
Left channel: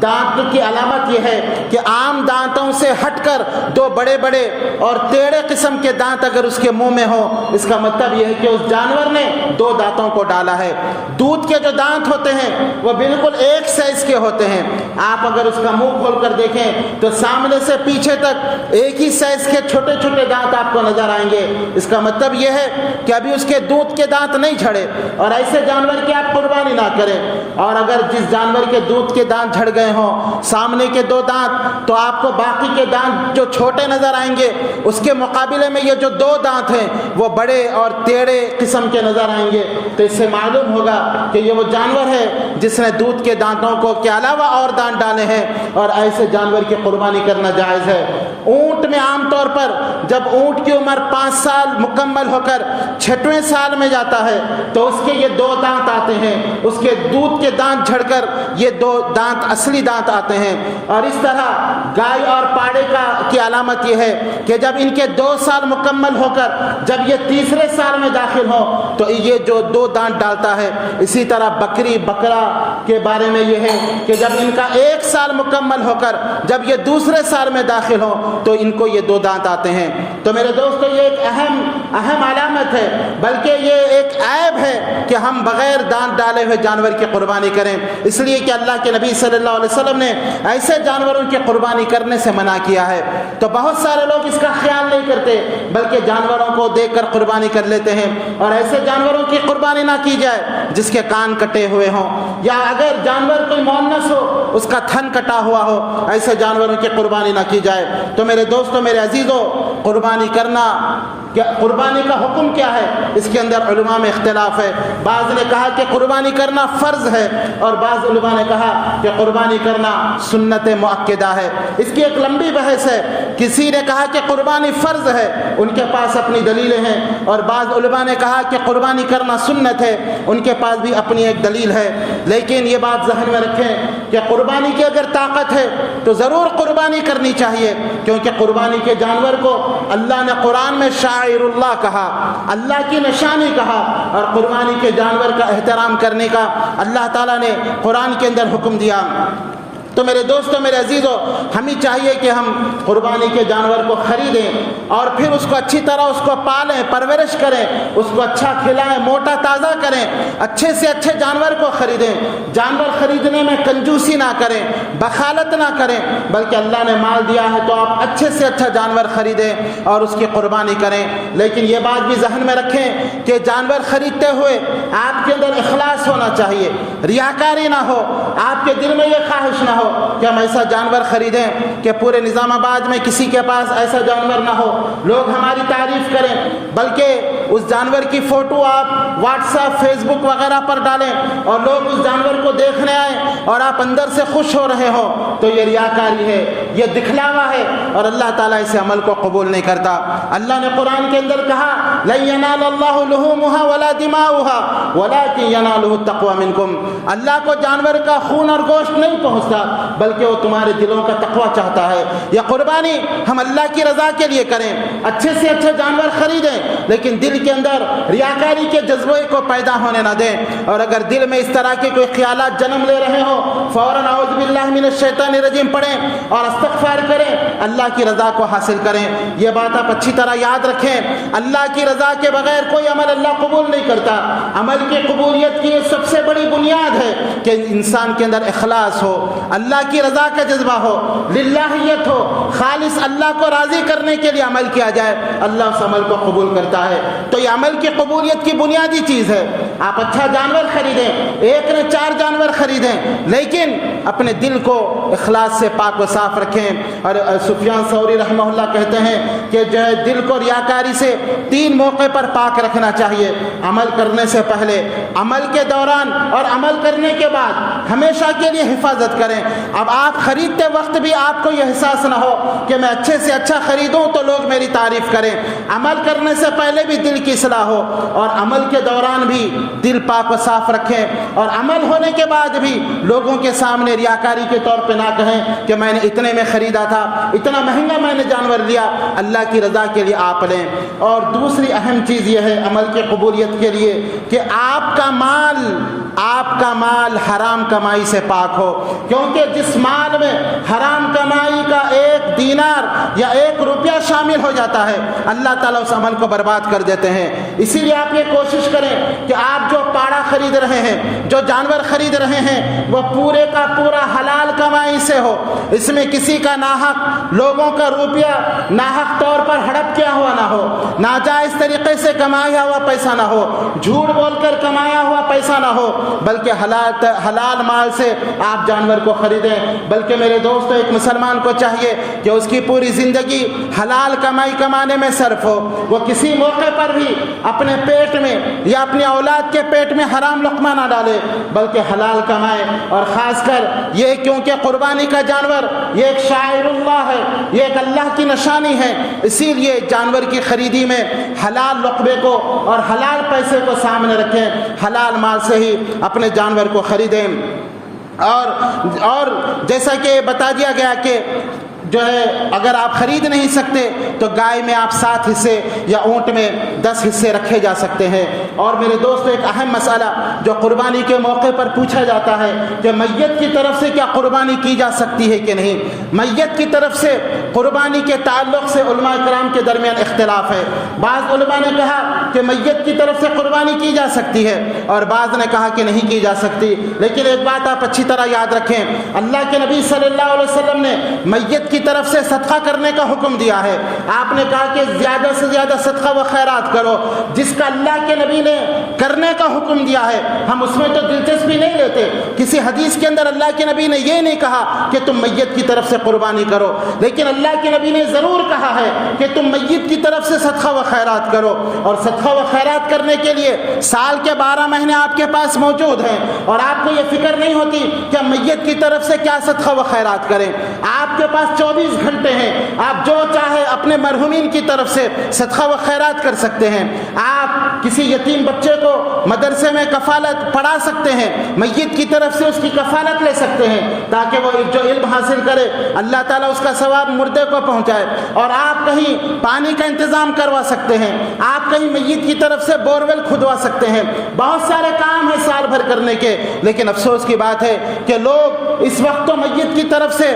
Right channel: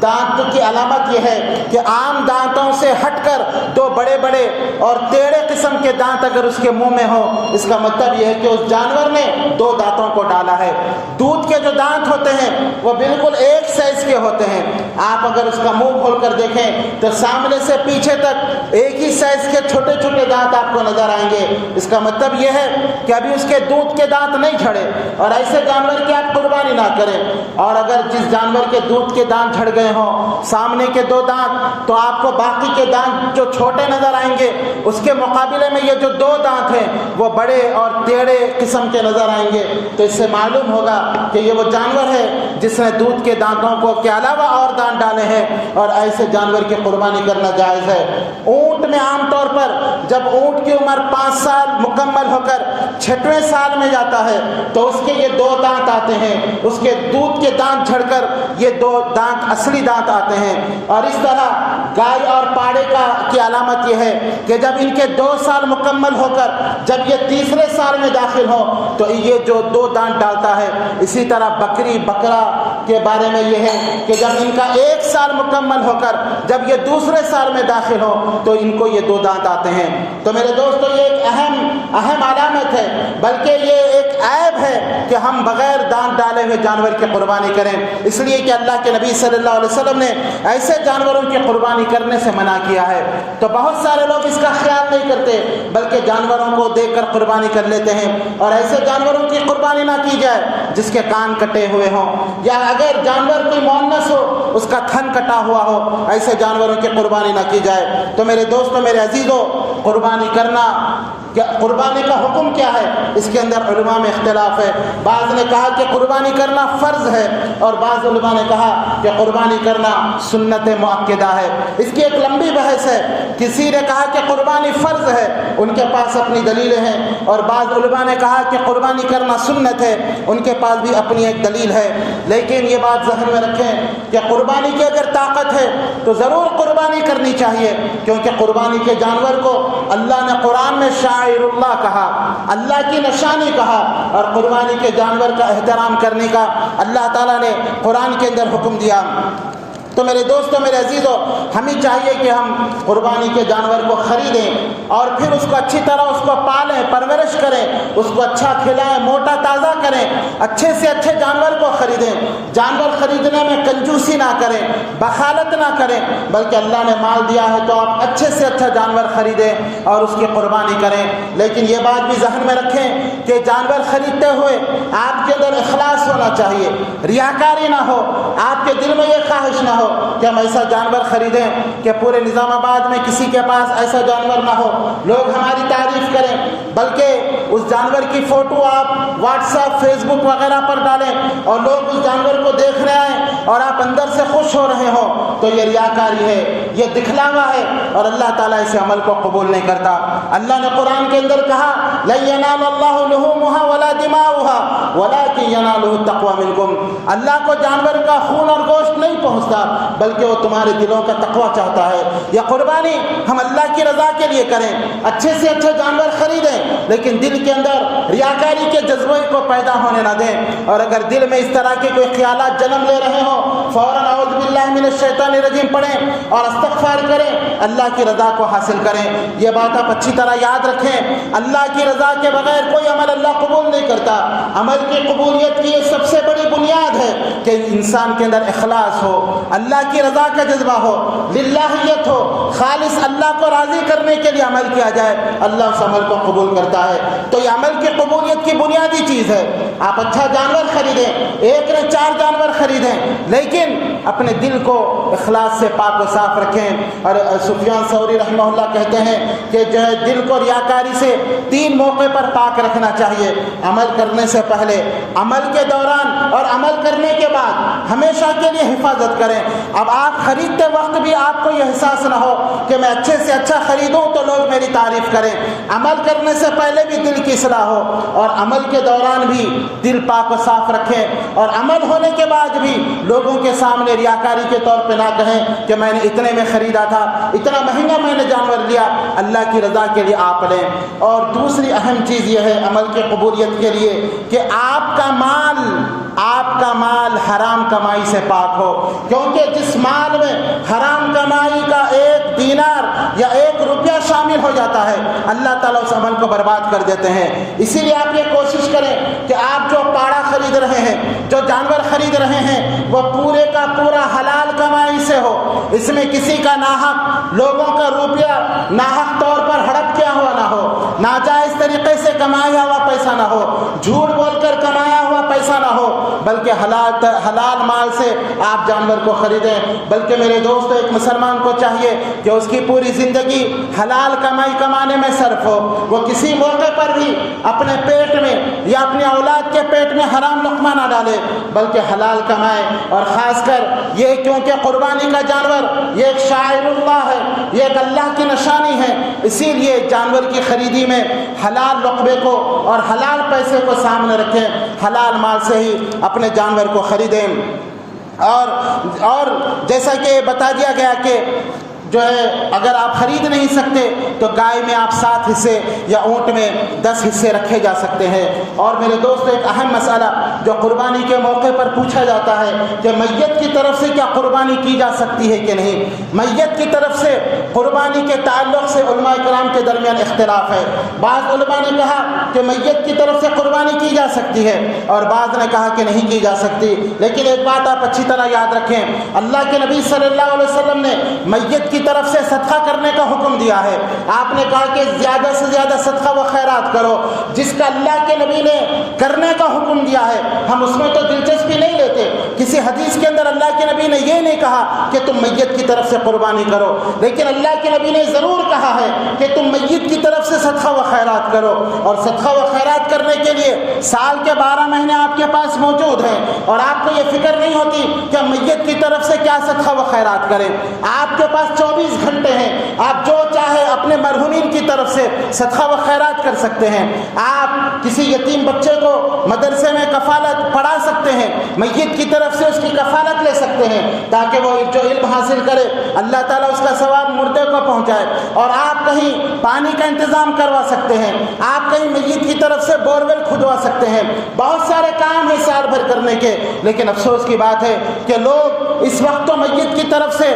دانت کی علامت یہ ہے کہ عام دانتوں سے ہٹ کر 2 بڑے بڑے اور ٹیڑھے قسم کے دانت اگر اس کے منہ میں ہوں، اس کا مطلب یہ ہے کہ اس جانور نے 2 دانتوں کو ڈالا ہے۔ دودھ کے جو دانت ہوتے ہیں وہ بالکل ایک سائز کے ہوتے ہیں۔ آپ اگر اس کا منہ کھول کر دیکھیں تو سامنے سے پیچھے تک ایک ہی سائز کے چھوٹے چھوٹے دانت آپ کو نظر آئیں گے۔ اس کا مطلب یہ ہے کہ ابھی اس کے دودھ کے دانت نہیں جھڑے، اور ایسے جانور کی آپ قربانی نہ کریں۔ اور اگر جس جانور کے دودھ کے دانت جھڑ گئے ہوں، سامنے کے 2 دانت، تو آپ کو باقی کے دانت جو چھوٹے نظر آئیں گے، اس کے مقابلے میں یہ جو 2 دانت ہیں وہ بڑے اور ٹیڑھے قسم کے نظر آئیں گے۔ تو اس سے معلوم ہوگا کہ یہ وہ جانور ہے جس نے دودھ کے دانتوں کو کے علاوہ اور دانت ڈالے ہیں، اور ایسے جانور کی قربانی کرنا جائز ہے۔ اونٹ میں عام طور پر جب اونٹ کی عمر 5 سال مکمل ہو کر 6ویں سال میں جاتا ہے تو اس کے یہ 2 دانت آتے ہیں، اس کے دودھ کے دانت جھڑ کر یہ 2 دانت اصلی دانت آتے ہیں۔ اور اس طرح گائے اور پاڑے کی علامت یہ ہے کہ جب ان کے 2 سال مکمل ہو کر جب یہ 3رے سال میں داخل ہوں تو یہ جو 2 دانت ڈالتا ہے۔ اسی طرح بکری بکرا کے بارے میں یہ ہے کہ جب ان کا 1 سال مکمل ہو کر جب یہ 2رے سال میں داخل ہو تو ان کو یہ 2 دانت آتے ہیں۔ تو میرے دوستو یہ ایک اہم علامت ہے، بلکہ یہ ایک عیب ہے کہ ہم بغیر دانت ڈالے ہوئے جانور کی قربانی کریں، اس لیے کہ اللہ کے نبی صلی اللہ علیہ وسلم نے ایسے جانوروں کی قربانی کرنے سے منع کیا ہے۔ تو بہت سارے لوگ اس کا خیال نہیں کرتے، بلکہ جانوروں کو دیکھ کر قربانی کر لیتے ہیں۔ اور ایسے جانوروں کی قربانی نہ کی جائے جس کے کان کٹے ہوئے ہوں، یا اگر جانور کوئی مؤنث ہو اس کا تھن کٹا ہوا ہو، ایسے جانوروں کی قربانی نہ کی جائے۔ تو میرے دوستو، میرے عزیزو، قربانی کرنا، قربانی کا حکم کیا ہے، اس کے اندر علماء میں اختلاف ہے۔ بعض نے کہا کہ قربانی کرنا فرض ہے، اور بعض علماء نے کہا کہ قربانی کرنا سنت مؤکدہ ہے۔ اس کی ایک لمبی بحث ہے۔ کسی نے کہا کہ قربانی فرض ہے، ان کے پاس اپنی دلیلیں ہیں، اور بعض علماء نے کہا کہ قربانی کرنا سنت ہے، ان کے پاس بھی اپنی ایک دلیل ہے۔ لیکن یہ بات ذہن میں رکھیں کہ قربانی کی اگر طاقت ہے تو ضرور قربانی قربانی کرنی چاہیے، کیونکہ قربانی کے جانور کو اللہ نے قرآن میں شاعر اللہ کہا، اللہ کی نشانی کہا، اور قربانی کے جانور کا احترام کرنے کا اللہ تعالیٰ نے قرآن کے اندر حکم دیا۔ تو میرے دوستوں، میرے عزیزوں، ہمیں چاہیے کہ ہم قربانی کے جانور کو خریدیں اور پھر اس کو اچھی طرح اس کو پالیں، پرورش کریں، اس کو اچھا کھلائیں، موٹا تازہ کریں، اچھے سے اچھے جانور کو خریدیں۔ جانور خریدنے میں کنجوسی نہ کریں، بخالت نہ کریں، بلکہ اللہ نے مال دیا ہے تو آپ اچھے سے اچھا جانور خریدیں اور اس کی قربانی کریں۔ لیکن یہ بات بھی ذہن میں رکھیں کہ جانور خریدتے ہوئے آپ کے اندر اخلاص ہونا چاہیے، ریاکاری نہ ہو، آپ کے دل میں یہ خواہش نہ ہو کہ ہم ایسا جانور خریدیں کہ پورے نظام آباد میں کسی کے پاس ایسا جانور نہ ہو، لوگ ہماری تعریف کریں، بلکہ اس جانور کی فوٹو آپ واٹس ایپ، فیس بک وغیرہ پر ڈالیں اور لوگ اس جانور کو دیکھنے آئیں اور آپ اندر سے خوش ہو رہے ہوں، تو یہ ریاکاری ہے، یہ دکھلاوا ہے، اور اللہ تعالیٰ اس عمل کو قبول نہیں کرتا۔ اللہ نے قرآن کے اندر کہا لَن يَنَالَ اللَّهُ لُحُومُهَا وَلَا دِمَاؤُهَا وَلَكِن يَنَالُهُ التَّقْوَىٰ مِنكُمْ۔ اللہ کو جانور کا خون اور گوشت نہیں پہنچتا، بلکہ وہ تمہارے دلوں کا تقویٰ چاہتا ہے۔ یہ قربانی ہم اللہ کی رضا کے لیے کریں، اچھے سے اچھے جانور خریدیں، لیکن دل کے اندر ریاکاری کے جذبے کو پیدا ہونے نہ دیں، اور اگر دل میں اس طرح کے کوئی خیالات جنم لے رہے ہوں، فوراً اعوذ باللہ من الشیطان الرجیم پڑھیں اور استغفار کریں، اللہ کی رضا کو حاصل کریں۔ یہ بات آپ اچھی طرح یاد رکھیں، اللہ کی رضا کے بغیر کوئی عمل اللہ قبول نہیں کرتا۔ عمل کی قبولیت کی یہ سب سے بڑی بنیاد ہے کہ انسان کے اندر اخلاص ہو، اللہ کی رضا کا جذبہ ہو، للہیت ہو، خالص اللہ کو راضی کرنے کے لیے عمل کیا جائے، اللہ اس عمل کو قبول کرتا ہے۔ تو یہ عمل کی قبولیت کی بنیادی چیز ہے۔ آپ اچھا جانور خریدیں، ایک نے 4 جانور خریدیں، لیکن اپنے دل کو اخلاص سے پاک و صاف رکھیں۔ اور سفیان ثوری رحمہ اللہ کہتے ہیں کہ جو ہے دل کو ریاکاری سے 3 موقع پر پاک رکھنا چاہیے: عمل کرنے سے پہلے، عمل کے دوران، اور عمل کرنے کے بعد ہمیشہ کے لیے حفاظت کریں۔ اب آپ خریدتے وقت بھی آپ کو یہ احساس نہ ہو کہ میں اچھے سے اچھا خریدوں تو لوگ میری تعریف کریں۔ عمل کرنے سے پہلے بھی دل کی اصلاح ہو، اور عمل کے دوران بھی دل پاک و صاف رکھیں، اور عمل ہونے کے بعد بھی لوگوں کے سامنے ریاکاری کے طور پہ نہ کہیں کہ میں نے اتنے میں خریدا تھا، اتنا مہنگا میں نے جانور لیا۔ اللہ کی رضا کے لیے آپ لیں۔ اور دوسری اہم چیز یہ ہے عمل کی قبولیت کے لیے کہ آپ کا مال حرام کمائی سے پاک ہو، کیونکہ جس مال میں حرام کمائی کا 1 دینار یا 1 روپیہ شامل ہو جاتا ہے، اللہ تعالیٰ اس عمل کو برباد کر دیتے ہیں۔ اسی لیے آپ یہ کوشش کریں کہ آپ جو پاڑا خرید رہے ہیں، جو جانور خرید رہے ہیں، وہ پورے کا پورا حلال کمائی سے ہو، اس میں کسی کا ناحق لوگوں کا روپیہ ناحق طور پر ہڑپ کیا ہوا نہ ہو، ناجائز طریقے سے کمایا ہوا پیسہ نہ ہو، جھوٹ بول کر کمایا ہوا پیسہ نہ ہو، بلکہ حلال مال سے آپ جانور کو خریدیں۔ بلکہ میرے دوستو، ایک مسلمان کو چاہیے کہ اس کی پوری زندگی حلال کمائی کمانے میں صرف ہو، وہ کسی موقع پر بھی اپنے پیٹ میں یا اپنی اولاد کے پیٹ میں حرام لقمہ نہ ڈالے، بلکہ حلال کمائے۔ اور خاص کر یہ کیونکہ قربانی کا جانور یہ ایک شاعر اللہ ہے، یہ ایک اللہ کی نشانی ہے، اسی لیے جانور کی خریدی میں حلال رقبے کو اور حلال پیسے کو سامنے رکھیں، حلال مال سے ہی اپنے جانور کو خریدیں۔ اور جیسا کہ بتا دیا گیا کہ جو ہے اگر آپ خرید نہیں سکتے تو گائے میں آپ 7 حصے یا اونٹ میں 10 حصے رکھے جا سکتے ہیں۔ اور میرے دوست، ایک اہم مسئلہ جو قربانی کے موقع پر پوچھا جاتا ہے کہ میت کی طرف سے کیا قربانی کی جا سکتی ہے کہ نہیں۔ میت کی طرف سے قربانی کے تعلق سے علماء کرام کے درمیان اختلاف ہے۔ بعض علماء نے کہا کہ میت کی طرف سے قربانی کی جا سکتی ہے، اور بعض نے کہا کہ نہیں کی جا سکتی۔ لیکن ایک بات آپ اچھی طرح یاد رکھیں، اللہ کے نبی صلی اللہ علیہ وسلم نے میت کی طرف سے صدقہ کرنے کا حکم دیا ہے۔ آپ نے کہا کہ زیادہ سے زیادہ صدقہ و خیرات کرو، جس کا اللہ کے نبی نے کرنے کا حکم دیا ہے ہم اس میں تو دلچسپی نہیں لیتے۔ کسی حدیث کے اندر اللہ کے نبی نے یہ نہیں کہا کہ تم میت کی طرف سے قربانی کرو، لیکن اللہ کے نبی نے ضرور کہا ہے کہ تم میت کی طرف سے صدقہ و خیرات کرو۔ اور صدقہ و خیرات کرنے کے لیے سال کے 12 مہینے آپ کے پاس موجود ہیں، اور آپ کو یہ فکر نہیں ہوتی کہ ہم میت کی طرف سے کیا صدقہ و خیرات کریں۔ آپ کے پاس 24 گھنٹے ہیں، آپ جو چاہے اپنے مرحومین کی طرف سے صدقہ و خیرات کر سکتے ہیں۔ آپ کسی یتیم بچے کو مدرسے میں کفالت پڑھا سکتے ہیں، میت کی طرف سے اس کی کفالت لے سکتے ہیں تاکہ وہ جو علم حاصل کرے اللہ تعالیٰ اس کا ثواب مردے کو پہنچائے۔ اور آپ کہیں پانی کا انتظام کروا سکتے ہیں، آپ کہیں میت کی طرف سے بورویل کھدوا سکتے ہیں، بہت سارے کام ہیں سال بھر کرنے کے۔ لیکن افسوس کی بات ہے کہ لوگ اس وقت تو میت کی طرف سے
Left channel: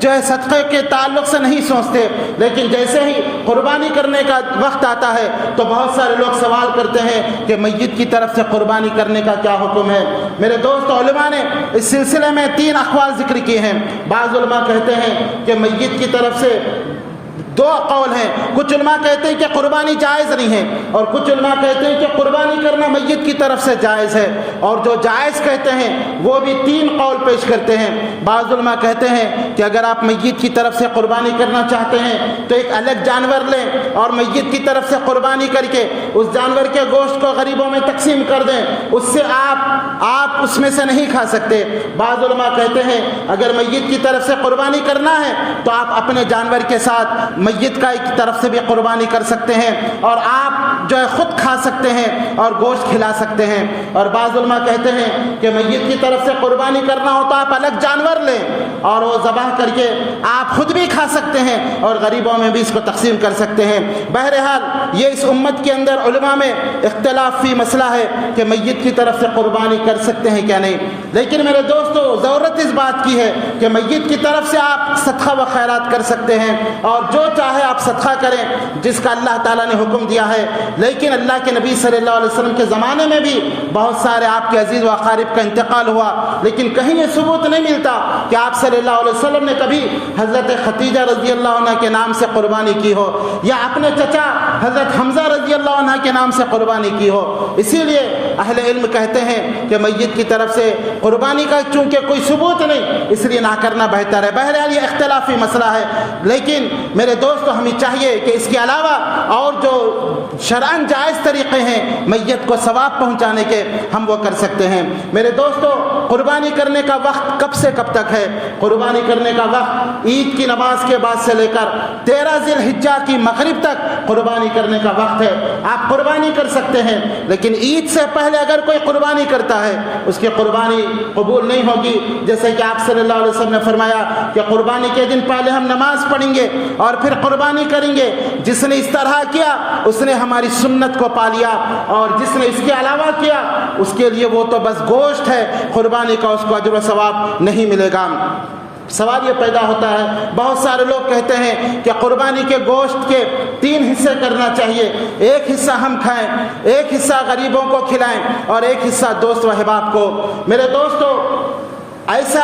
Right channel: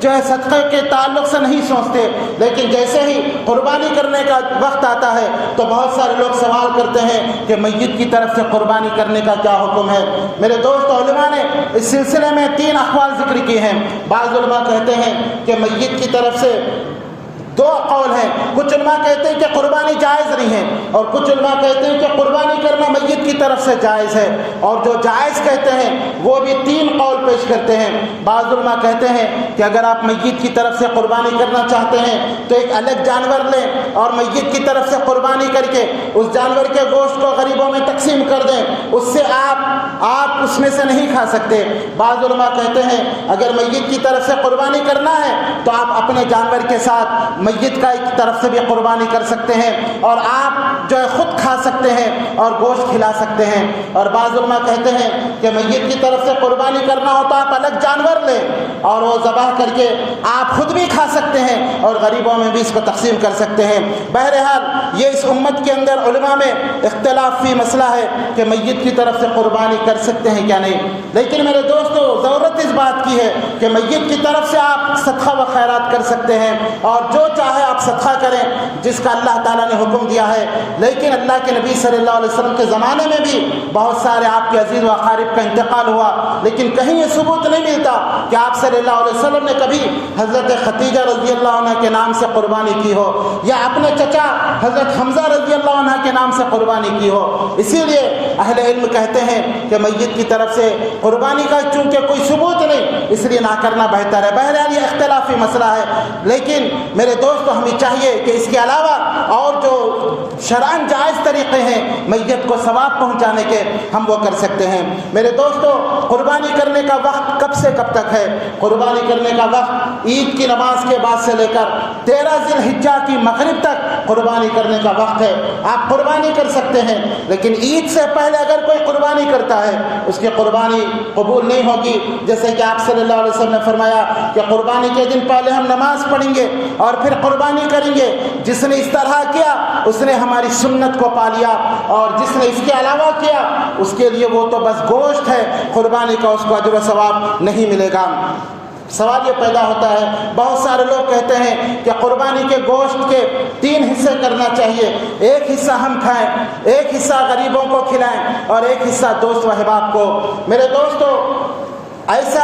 جو ہے صدقے کے تعلق سے نہیں سوچتے، لیکن جیسے ہی قربانی کرنے کا وقت آتا ہے تو بہت سارے لوگ سوال کرتے ہیں کہ میت کی طرف سے قربانی کرنے کا کیا حکم ہے۔ میرے دوست، علماء نے اس سلسلے میں 3 اقوال ذکر کیے ہیں۔ بعض علماء کہتے ہیں کہ میت کی طرف سے 2 قول ہیں، کچھ علماء کہتے ہیں کہ قربانی جائز نہیں ہے، اور کچھ علماء کہتے ہیں کہ قربانی کرنا میت کی طرف سے جائز ہے، اور جو جائز کہتے ہیں وہ بھی 3 قول پیش کرتے ہیں۔ بعض علماء کہتے ہیں کہ اگر آپ میت کی طرف سے قربانی کرنا چاہتے ہیں تو ایک الگ جانور لیں اور میت کی طرف سے قربانی کر کے اس جانور کے گوشت کو غریبوں میں تقسیم کر دیں، اس سے آپ اس میں سے نہیں کھا سکتے۔ بعض علماء کہتے ہیں اگر میت کی طرف سے قربانی کرنا ہے تو آپ اپنے جانور کے ساتھ میت کا ایک طرف سے بھی قربانی کر سکتے ہیں، اور آپ جو ہے خود کھا سکتے ہیں اور گوشت کھلا سکتے ہیں۔ اور بعض علماء کہتے ہیں کہ میت کی طرف سے قربانی کرنا ہو تو آپ الگ جانور لیں اور وہ ذبح کر کے آپ خود بھی کھا سکتے ہیں اور غریبوں میں بھی اس کو تقسیم کر سکتے ہیں۔ بہرحال یہ اس امت کے اندر علماء میں اختلاف فی مسئلہ ہے کہ میت کی طرف سے قربانی کر سکتے ہیں کیا نہیں۔ لیکن میرے دوستو، ضرورت اس بات کی ہے کہ میت کی طرف سے آپ صدقہ و خیرات کر سکتے ہیں، اور جو چاہے آپ صدقہ کریں جس کا اللہ تعالیٰ نے حکم دیا ہے۔ لیکن اللہ کے نبی صلی اللہ علیہ وسلم کے زمانے میں بھی بہت سارے آپ کے عزیز و اقارب کا انتقال ہوا، لیکن کہیں یہ ثبوت نہیں ملتا کہ آپ صلی اللہ علیہ وسلم نے کبھی حضرت خدیجہ رضی اللہ عنہ کے نام سے قربانی کی ہو، یا اپنے چچا حضرت حمزہ رضی اللہ عنہ کے نام سے قربانی کی ہو۔ اسی لیے اہل علم کہتے ہیں کہ میت کی طرف سے قربانی کا چونکہ کوئی ثبوت نہیں، اس لیے نہ کرنا بہتر ہے۔ بہرحال یہ اختلافی مسئلہ ہے، لیکن میرے دوستو ہمیں چاہیے کہ اس کے علاوہ اور جو شرعاً جائز طریقے ہیں میت کو ثواب پہنچانے کے، ہم وہ کر سکتے ہیں۔ میرے دوستو، قربانی کرنے کا وقت کب سے کب تک ہے؟ قربانی کرنے کا وقت عید کی نماز کے بعد سے لے کر 13 ذی الحجہ کی مغرب تک قربانی کرنے کا وقت ہے۔ آپ قربانی کر سکتے ہیں، لیکن عید سے پہلے اگر کوئی قربانی کرتا ہے اس کی قربانی قبول نہیں ہوگی، جیسے کہ آپ صلی اللہ علیہ وسلم نے فرمایا کہ قربانی کے دن پہلے ہم نماز پڑھیں گے اور پھر قربانی کریں گے۔ جس نے اس طرح کیا اس نے ہماری سنت کو پا لیا، اور جس نے اس کے علاوہ کیا اس کے لیے وہ تو بس گوشت ہے، قربانی کا اس کو اجر و ثواب نہیں ملے گا۔ سوال یہ پیدا ہوتا ہے، بہت سارے لوگ کہتے ہیں کہ قربانی کے گوشت کے 3 حصے کرنا چاہیے، ایک حصہ ہم کھائیں، ایک حصہ غریبوں کو کھلائیں، اور ایک حصہ دوست و احباب کو۔ میرے دوستو، ایسا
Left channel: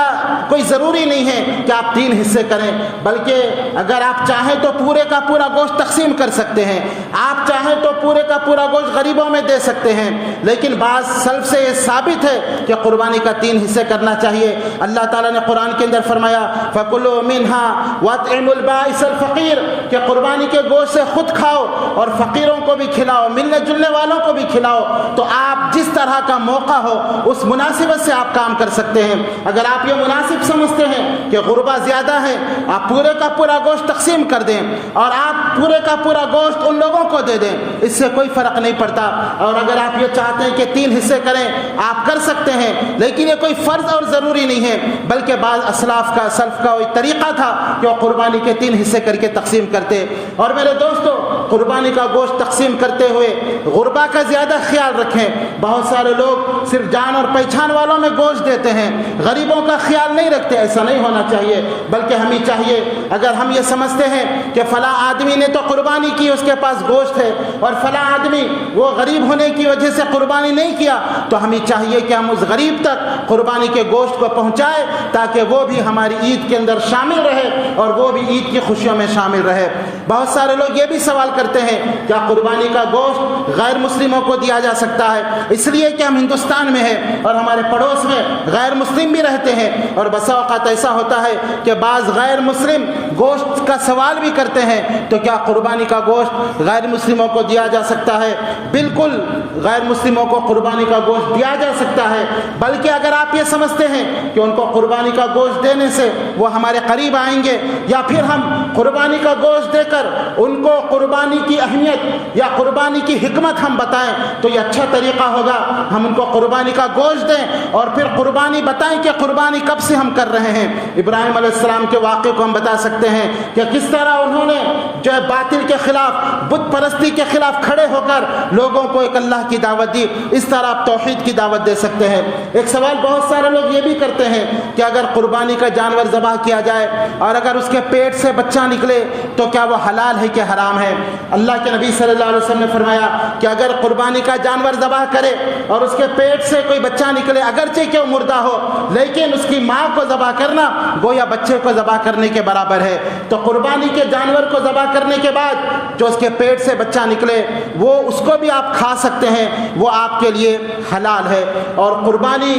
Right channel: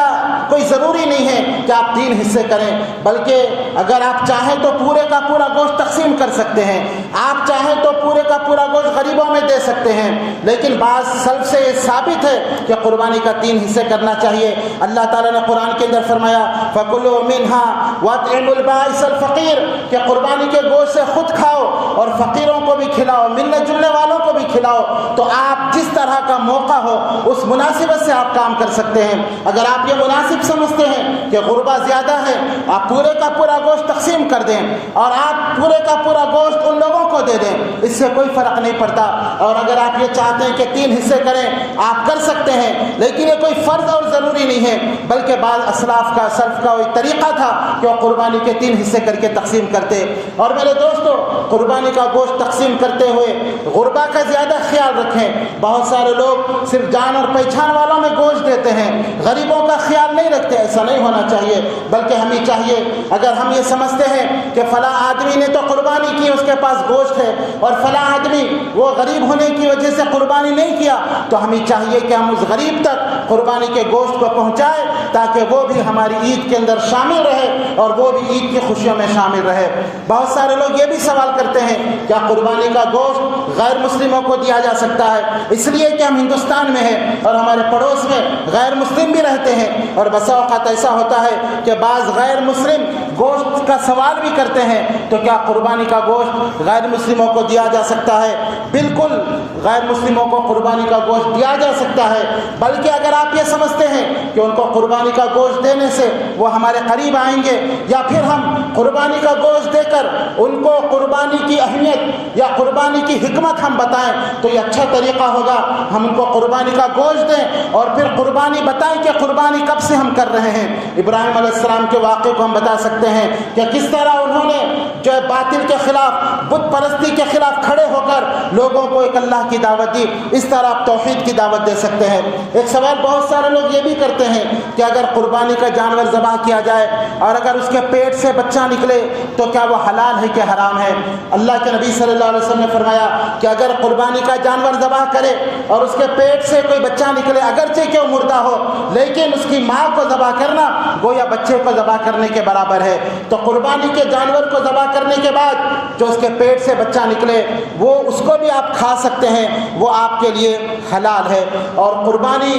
کوئی ضروری نہیں ہے کہ آپ 3 حصے کریں، بلکہ اگر آپ چاہیں تو پورے کا پورا گوشت تقسیم کر سکتے ہیں، آپ چاہیں تو پورے کا پورا گوشت غریبوں میں دے سکتے ہیں۔ لیکن بعض سلف سے یہ ثابت ہے کہ قربانی کا 3 حصے کرنا چاہیے۔ اللہ تعالیٰ نے قرآن کے اندر فرمایا فَكُلُوا مِنْهَا وَأَطْعِمُوا الْبَائِسَ الْفَقِيرَ، کہ قربانی کے گوشت سے خود کھاؤ اور فقیروں کو بھی کھلاؤ، ملنے جلنے والوں کو بھی کھلاؤ۔ تو آپ جس طرح کا موقع ہو اس مناسبت سے آپ کام کر سکتے ہیں۔ اگر آپ یہ مناسب سمجھتے ہیں کہ غربا زیادہ ہے، آپ پورے کا پورا گوشت تقسیم کر دیں اور آپ پورے کا پورا گوشت ان لوگوں کو دے دیں، اس سے کوئی فرق نہیں پڑتا۔ اور اگر آپ یہ چاہتے ہیں کہ 3 حصے کریں، آپ کر سکتے ہیں، لیکن یہ کوئی فرض اور ضروری نہیں ہے، بلکہ بعض اسلاف کا سلف کا ایک طریقہ تھا کہ وہ قربانی کے 3 حصے کر کے تقسیم کرتے۔ اور میرے دوستو، قربانی کا گوشت تقسیم کرتے ہوئے غربا کا زیادہ خیال رکھیں۔ بہت سارے لوگ صرف جان اور پہچان والوں میں گوشت دیتے ہیں، غریبوں کا خیال نہیں رکھتے۔ ایسا نہیں ہونا چاہیے، بلکہ ہمیں چاہیے اگر ہم یہ سمجھتے ہیں کہ فلاں آدمی نے تو قربانی کی، اس کے پاس گوشت ہے، اور فلاں آدمی وہ غریب ہونے کی وجہ سے قربانی نہیں کیا، تو ہمیں چاہیے کہ ہم اس غریب تک قربانی کے گوشت کو پہنچائیں تاکہ وہ بھی ہماری عید کے اندر شامل رہے اور وہ بھی عید کی خوشیوں میں شامل رہے۔ بہت سارے لوگ یہ بھی سوال کرتے ہیں کیا قربانی کا گوشت غیر مسلموں کو دیا جا سکتا ہے؟ اس لیے کہ ہم ہندوستان میں ہیں اور ہمارے پڑوس میں غیر مسلم بھی رہتے ہیں، اور بسا اوقات ایسا ہوتا ہے کہ بعض غیر مسلم گوشت کا سوال بھی کرتے ہیں، تو کیا قربانی کا گوشت غیر مسلموں کو دیا جا سکتا ہے؟ بالکل غیر مسلموں کو قربانی کا گوشت دیا جا سکتا ہے، بلکہ اگر آپ یہ سمجھتے ہیں کہ ان کو قربانی کا گوشت دینے سے وہ ہمارے قریب آئیں گے، یا پھر ہم قربانی کا گوشت دے کر ان کو قربانی کی اہمیت یا قربانی کی حکمت حکمت ہم بتائیں تو یہ اچھا طریقہ ہوگا. ہم ان کو قربانی کا گوشت دیں اور پھر قربانی بتائیں کہ قربانی کب سے ہم کر رہے ہیں. ابراہیم علیہ السلام کے واقعے کو ہم بتا سکتے ہیں کہ کس طرح انہوں نے جو ہے باطل کے خلاف, بت پرستی کے خلاف کھڑے ہو کر لوگوں کو ایک اللہ کی دعوت دی. اس طرح آپ توحید کی دعوت دے سکتے ہیں. ایک سوال بہت سارے لوگ یہ بھی کرتے ہیں کہ اگر قربانی کا جانور ذبح کیا جائے اور اگر اس کے پیٹ سے بچہ نکلے تو کیا وہ حلال ہے کہ حرام ہے؟ اللہ کے نبی صلی اللہ علیہ وسلم نے فرمایا کہ اگر قربانی کا جانور ذبح کرے اور اس کے پیٹ سے کوئی بچہ نکلے, اگرچہ کہ وہ مردہ ہو, لیکن اس کی ماں کو ذبح کرنا گویا بچے کو ذبح کرنے کے برابر ہے. تو قربانی کے جانور کو ذبح کرنے کے بعد جو اس کے پیٹ سے بچہ نکلے وہ اس کو بھی آپ کھا سکتے ہیں, وہ آپ کے لیے حلال ہے. اور قربانی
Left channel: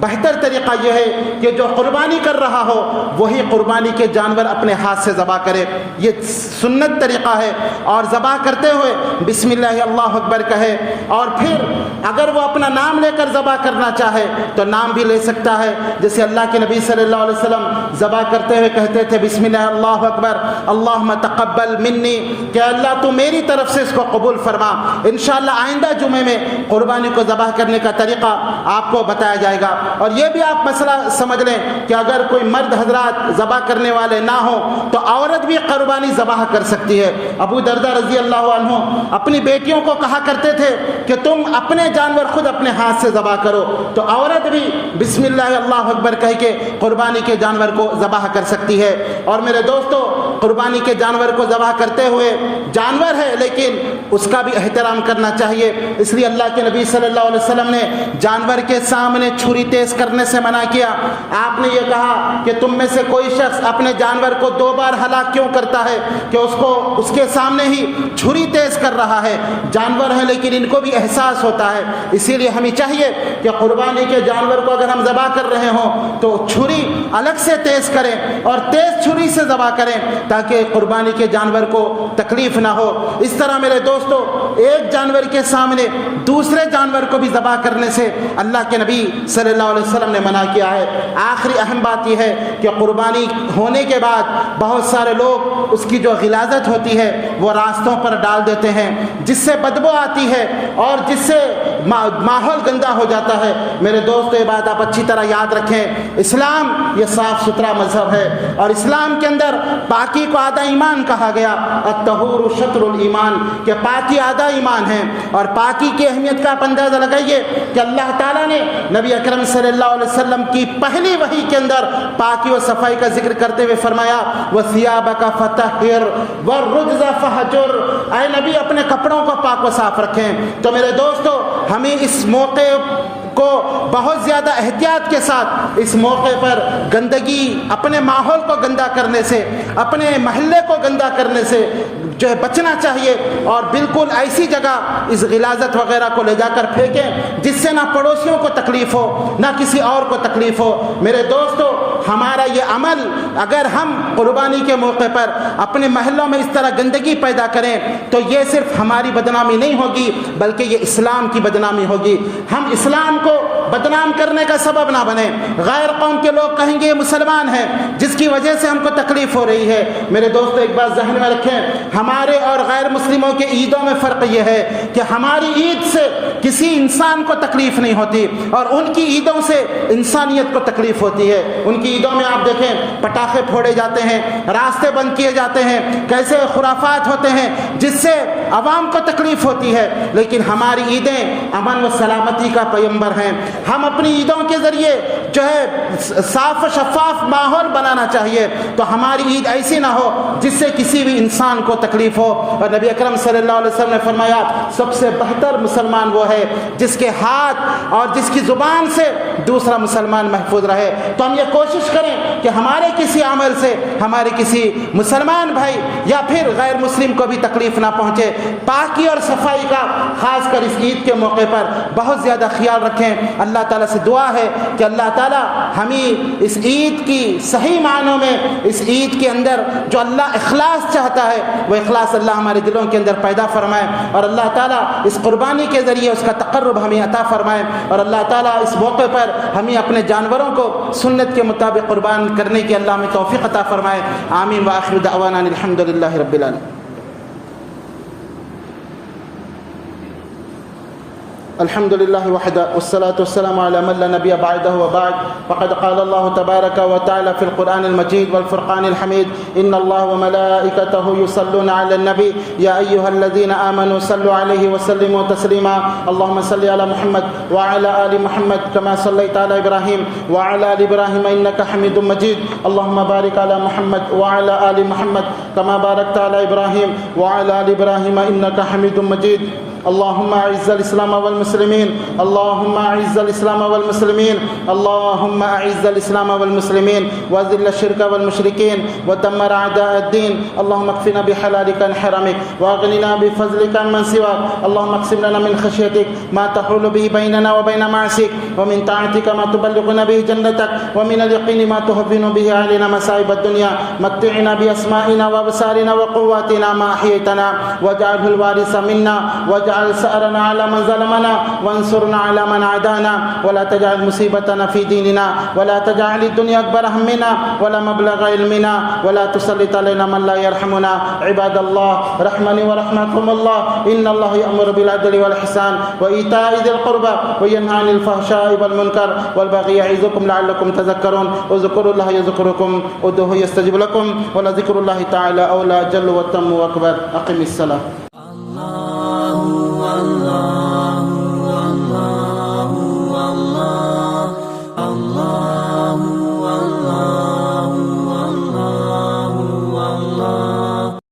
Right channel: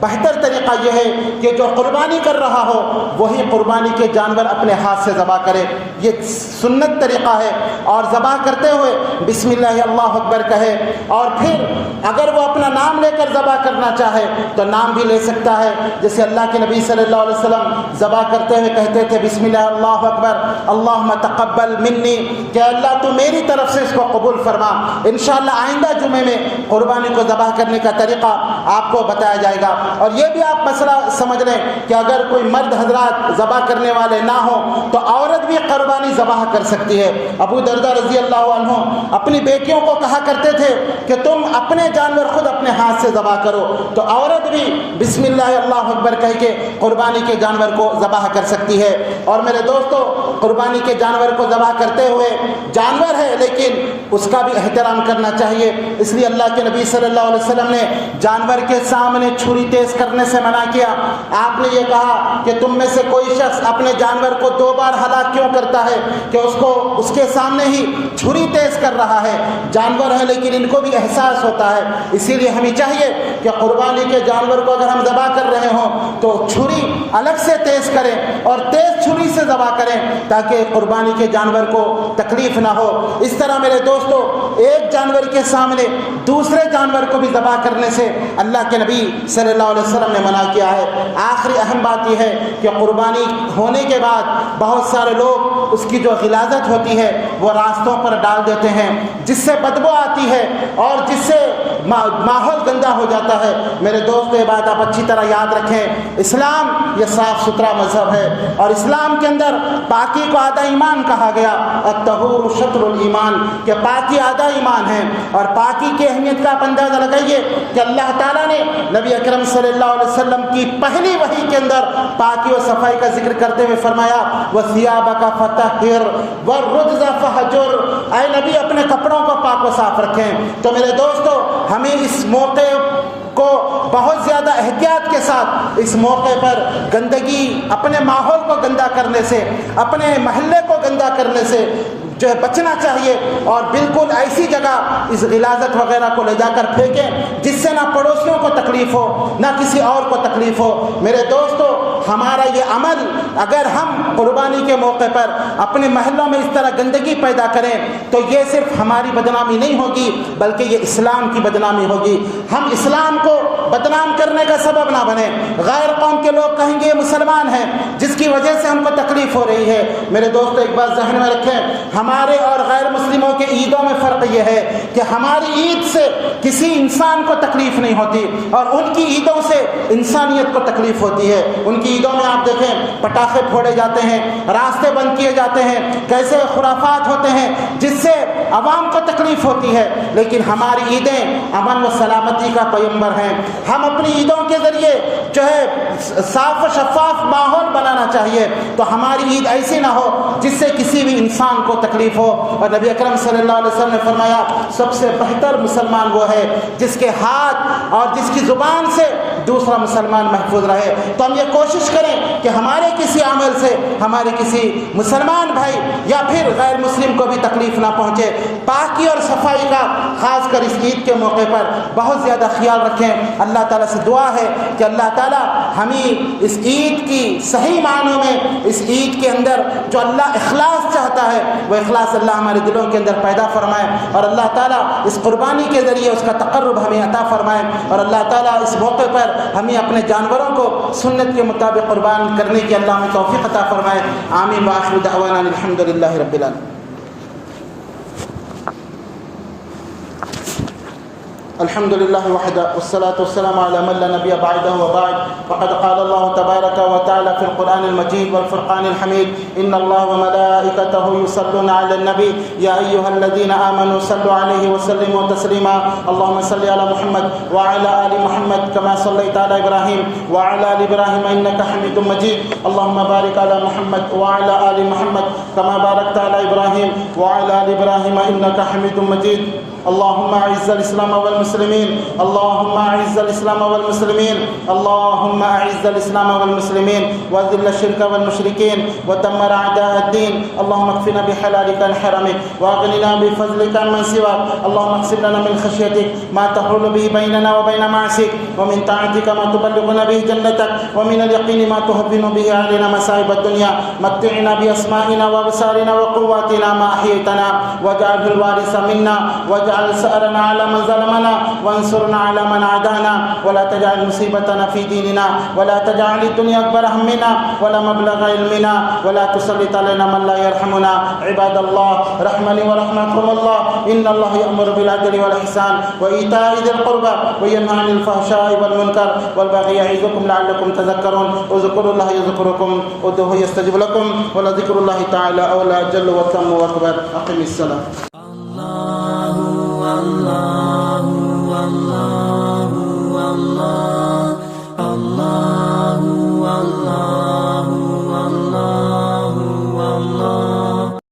بہتر طریقہ یہ ہے کہ جو قربانی کر رہا ہو وہی قربانی کے جانور اپنے ہاتھ سے ذبح کرے. یہ سنت طریقہ ہے. اور ذبح کرتے ہوئے بسم اللہ اللہ اکبر کہے, اور پھر اگر وہ اپنا نام لے کر ذبح کرنا چاہے تو نام بھی لے سکتا ہے. جیسے اللہ کے نبی صلی اللہ علیہ وسلم ذبح کرتے ہوئے کہتے تھے بسم اللہ اللہ اکبر اللہم تقبل منی, کہ اللہ تو میری طرف سے اس کو قبول فرما. انشاءاللہ آئندہ جمعے میں قربانی کو ذبح کرنے کا طریقہ آپ کو بتایا جائے گا. اور یہ بھی آپ مسئلہ سمجھ لیں کہ اگر کوئی مرد حضرات ذبح کرنے والے نہ ہوں تو عورت بھی قربانی ذبح کر سکتی ہے. ابو دردہ رضی اللہ عنہ اپنی بیٹیوں کو کہا کرتے تھے کہ تم اپنے جانور خود اپنے ہاتھ سے ذبح کرو, تو عورت بھی بسم اللہ اللہ اکبر کہہ کے قربانی کے جانور کو ذبح کر سکتی ہے. اور میرے دوستو, قربانی کے جانور کو ذبح کرتے ہوئے جانور ہے لیکن اس کا بھی احترام کرنا چاہیے. اس لیے اللہ کے نبی صلی اللہ علیہ وسلم نے جانور کے سامنے چھری تیز کرنے سے منع کیا. آپ نے یہ کہا کہ تم میں سے کوئی شخص اپنے جانور کو 2 بار ہلاک کیوں کرتا ہے کہ اس کے سامنے ہی چھری تیز کر رہا ہے. جانور ہیں لیکن ان کو بھی احساس ہوتا ہے. اسی لیے ہمیں چاہیے کہ قربانی کے جانور کو اگر ہم ذبح کر رہے ہوں تو چھری الگ سے تیز کریں اور تیز چھری سے ذبح کریں تاکہ قربانی کے جانور کو تکلیف نہ ہو. اس طرح میرے دوستو, ایک جانور کے سامنے دوسرے جانور کو بھی ذبح کرنے سے اللہ کے نبی صلی اللہ علیہ وسلم نے منع کیا ہے. آخری اہم بات یہ ہے کہ قربانی ہونے کے بعد بہت سارے لوگ اس کی جو غلاظت ہوتی ہے وہ راستوں پر ڈال دیتے ہیں جس سے بدبو آتی ہے اور جس سے ماحول گندا ہو جاتا ہے. میرے دوستو, یہ بات آپ اچھی طرح یاد رکھیں, اسلام یہ صاف ستھرا مذہب ہے اور اسلام کے اندر پاکی کو آدھا ایمان کہا گیا. الطہور شطر الایمان, کہ پاکی آدھا ایمان ہے. اور پاکی کی اہمیت کا آپ اندازہ لگائیے کہ اللہ تعالیٰ نے نبی اکرم صلی اللہ علیہ وسلم کی پہلی وحی کے اندر پاکی و صفائی کا ذکر کرتے ہوئے فرمایا وَثِيَابَكَ فَطَهِّرْ وَالرُّجْزَ فَهْجُرْ, اے نبی اپنے کپڑوں کو پاک و صاف رکھیں. تو میرے دوستو, ہمیں اس موقع کو بہت زیادہ احتیاط کے ساتھ اس موقع پر گندگی, اپنے ماحول کو گندا کرنے سے, اپنے محلے کو گندا کرنے سے جو ہے بچنا چاہیے. اور بالکل ایسی جگہ اس غلاظت وغیرہ کو لے جا کر پھینکیں جس سے نہ پڑوسیوں کو تکلیف ہو نہ کسی اور کو تکلیف ہو. میرے دوستو, ہمارا یہ عمل اگر ہم قربانی کے موقع پر اپنے محلوں میں اس طرح گندگی پیدا کریں تو یہ صرف ہماری بدنامی نہیں ہوگی بلکہ یہ اسلام کی بدنامی ہوگی. ہم اسلام کو بدنام کرنے کا سبب نہ بنے. غیر قوم کے لوگ کہیں گے یہ مسلمان ہیں جس کی وجہ سے ہم کو تکلیف ہو رہی ہے. میرے دوستو, ایک بات ذہن میں رکھیں, ہمارے اور غیر مسلموں کے عیدوں میں فرق یہ ہے کہ ہماری عید سے کسی انسان کو تکلیف نہیں ہوتی اور ان کی عیدوں سے انسانیت کو تکلیف ہوتی ہے. ان کی عیدوں میں آپ دیکھیں پٹاخے پھوڑے جاتے ہیں, راستے بند کیے جاتے ہیں, کیسے خرافات ہوتے ہیں جس سے عوام کو تکلیف ہوتی ہے. لیکن ہماری عیدیں امن و سلامتی کا پیمبر ہیں. ہم اپنی عیدوں کے ذریعے جو ہے صاف و شفاف ماحول بنانا چاہیے. تو ہماری عید ایسی نہ ہو جس سے کسی بھی انسان کو تکلیف ہو. اور نبی اکرم صلی اللہ علیہ وسلم نے فرمایا سب سے بہتر مسلمان وہ ہے جس کے ہاتھ اور جس کی زبان سے دوسرا مسلمان محفوظ رہے. تو ہم یہ کوشش کریں کہ ہمارے کسی عمل سے ہمارے کسی مسلمان بھائی یا پھر غیر مسلم کو بھی تکلیف نہ پہنچے. پاکی اور صفائی کا خاص کر اس عید کے موقع پر بہت زیادہ خیال رکھیں. اللہ تعالیٰ سے دعا ہے کہ اللہ تعالیٰ ہمیں اس عید کی صحیح معنوں میں, اس عید کے اندر جو اللہ اخلاص چاہتا ہے وہ اخلاص اللہ ہمارے دلوں کے اندر پیدا فرمائے. اور اللہ تعالیٰ اس قربانی کے ذریعے اس کا تقرب ہمیں عطا فرمائے. اور اللہ تعالیٰ اس موقع پر ہمیں اپنے جانوروں کو سنت کے مطابق قربان کرنے کی اللہ ہمیں توفیق عطا فرمائے. آمین. وآخر دعوانا الحمد للہ رب العالمین. الحمد لله وحده والصلاة والسلام على من لا نبي بعده وبعد. فقد قال الله تبارك وتعالى في القرآن المجيد والفرقان الحميد: إن الله وملائكته يصلون على النبي يا أيها الذين آمنوا صلوا عليه وسلموا تسليما. اللهم صل على محمد وعلى آل محمد كما صليت على إبراهيم وعلى آل إبراهيم إنك حميد مجيد. اللهم بارك على محمد وعلى آل محمد كما باركت على إبراهيم وعلى آل إبراهيم إنك حميد مجيد. اللهم أعز الإسلام والمسلمين، اللهم أعز الإسلام والمسلمين، اللهم أعز الإسلام والمسلمين وأذل الشرك والمشركين ودمر أعداء الدين. اللهم اكفنا بحلالك عن حرامك وأغننا بفضلك عن من سواك. اللهم اقسم لنا من خشيتك ما تحول به بيننا وبين معصيك، ومن طاعتك ما تبلغنا به جنتك، ومن اليقين ما تهون به علينا مصائب الدنيا. متعنا بأسمائنا وأبصارنا وقواتنا ما أحييتنا، واجعله الوارث منا، واجعل سأرنا على من ظلمنا، وانصرنا على من عادانا، ولا تجعل مصيبتنا في ديننا، ولا تجعل الدنيا أكبر همنا ولا مبلغ علمنا، ولا تسلط علينا من لا يرحمنا. عباد الله، رحمني ورحمكم الله. إن الله يأمر بالعدل والإحسان وإيتاء ذي القربى وينهى عن الفحشاء والمنكر والبغي يعظكم لعلكم تذكرون. اذكروا الله يذكركم، ادعوه يستجب لكم، ولذكر الله تعالى أولى جل وتم وأكبر. أقم الصلاة.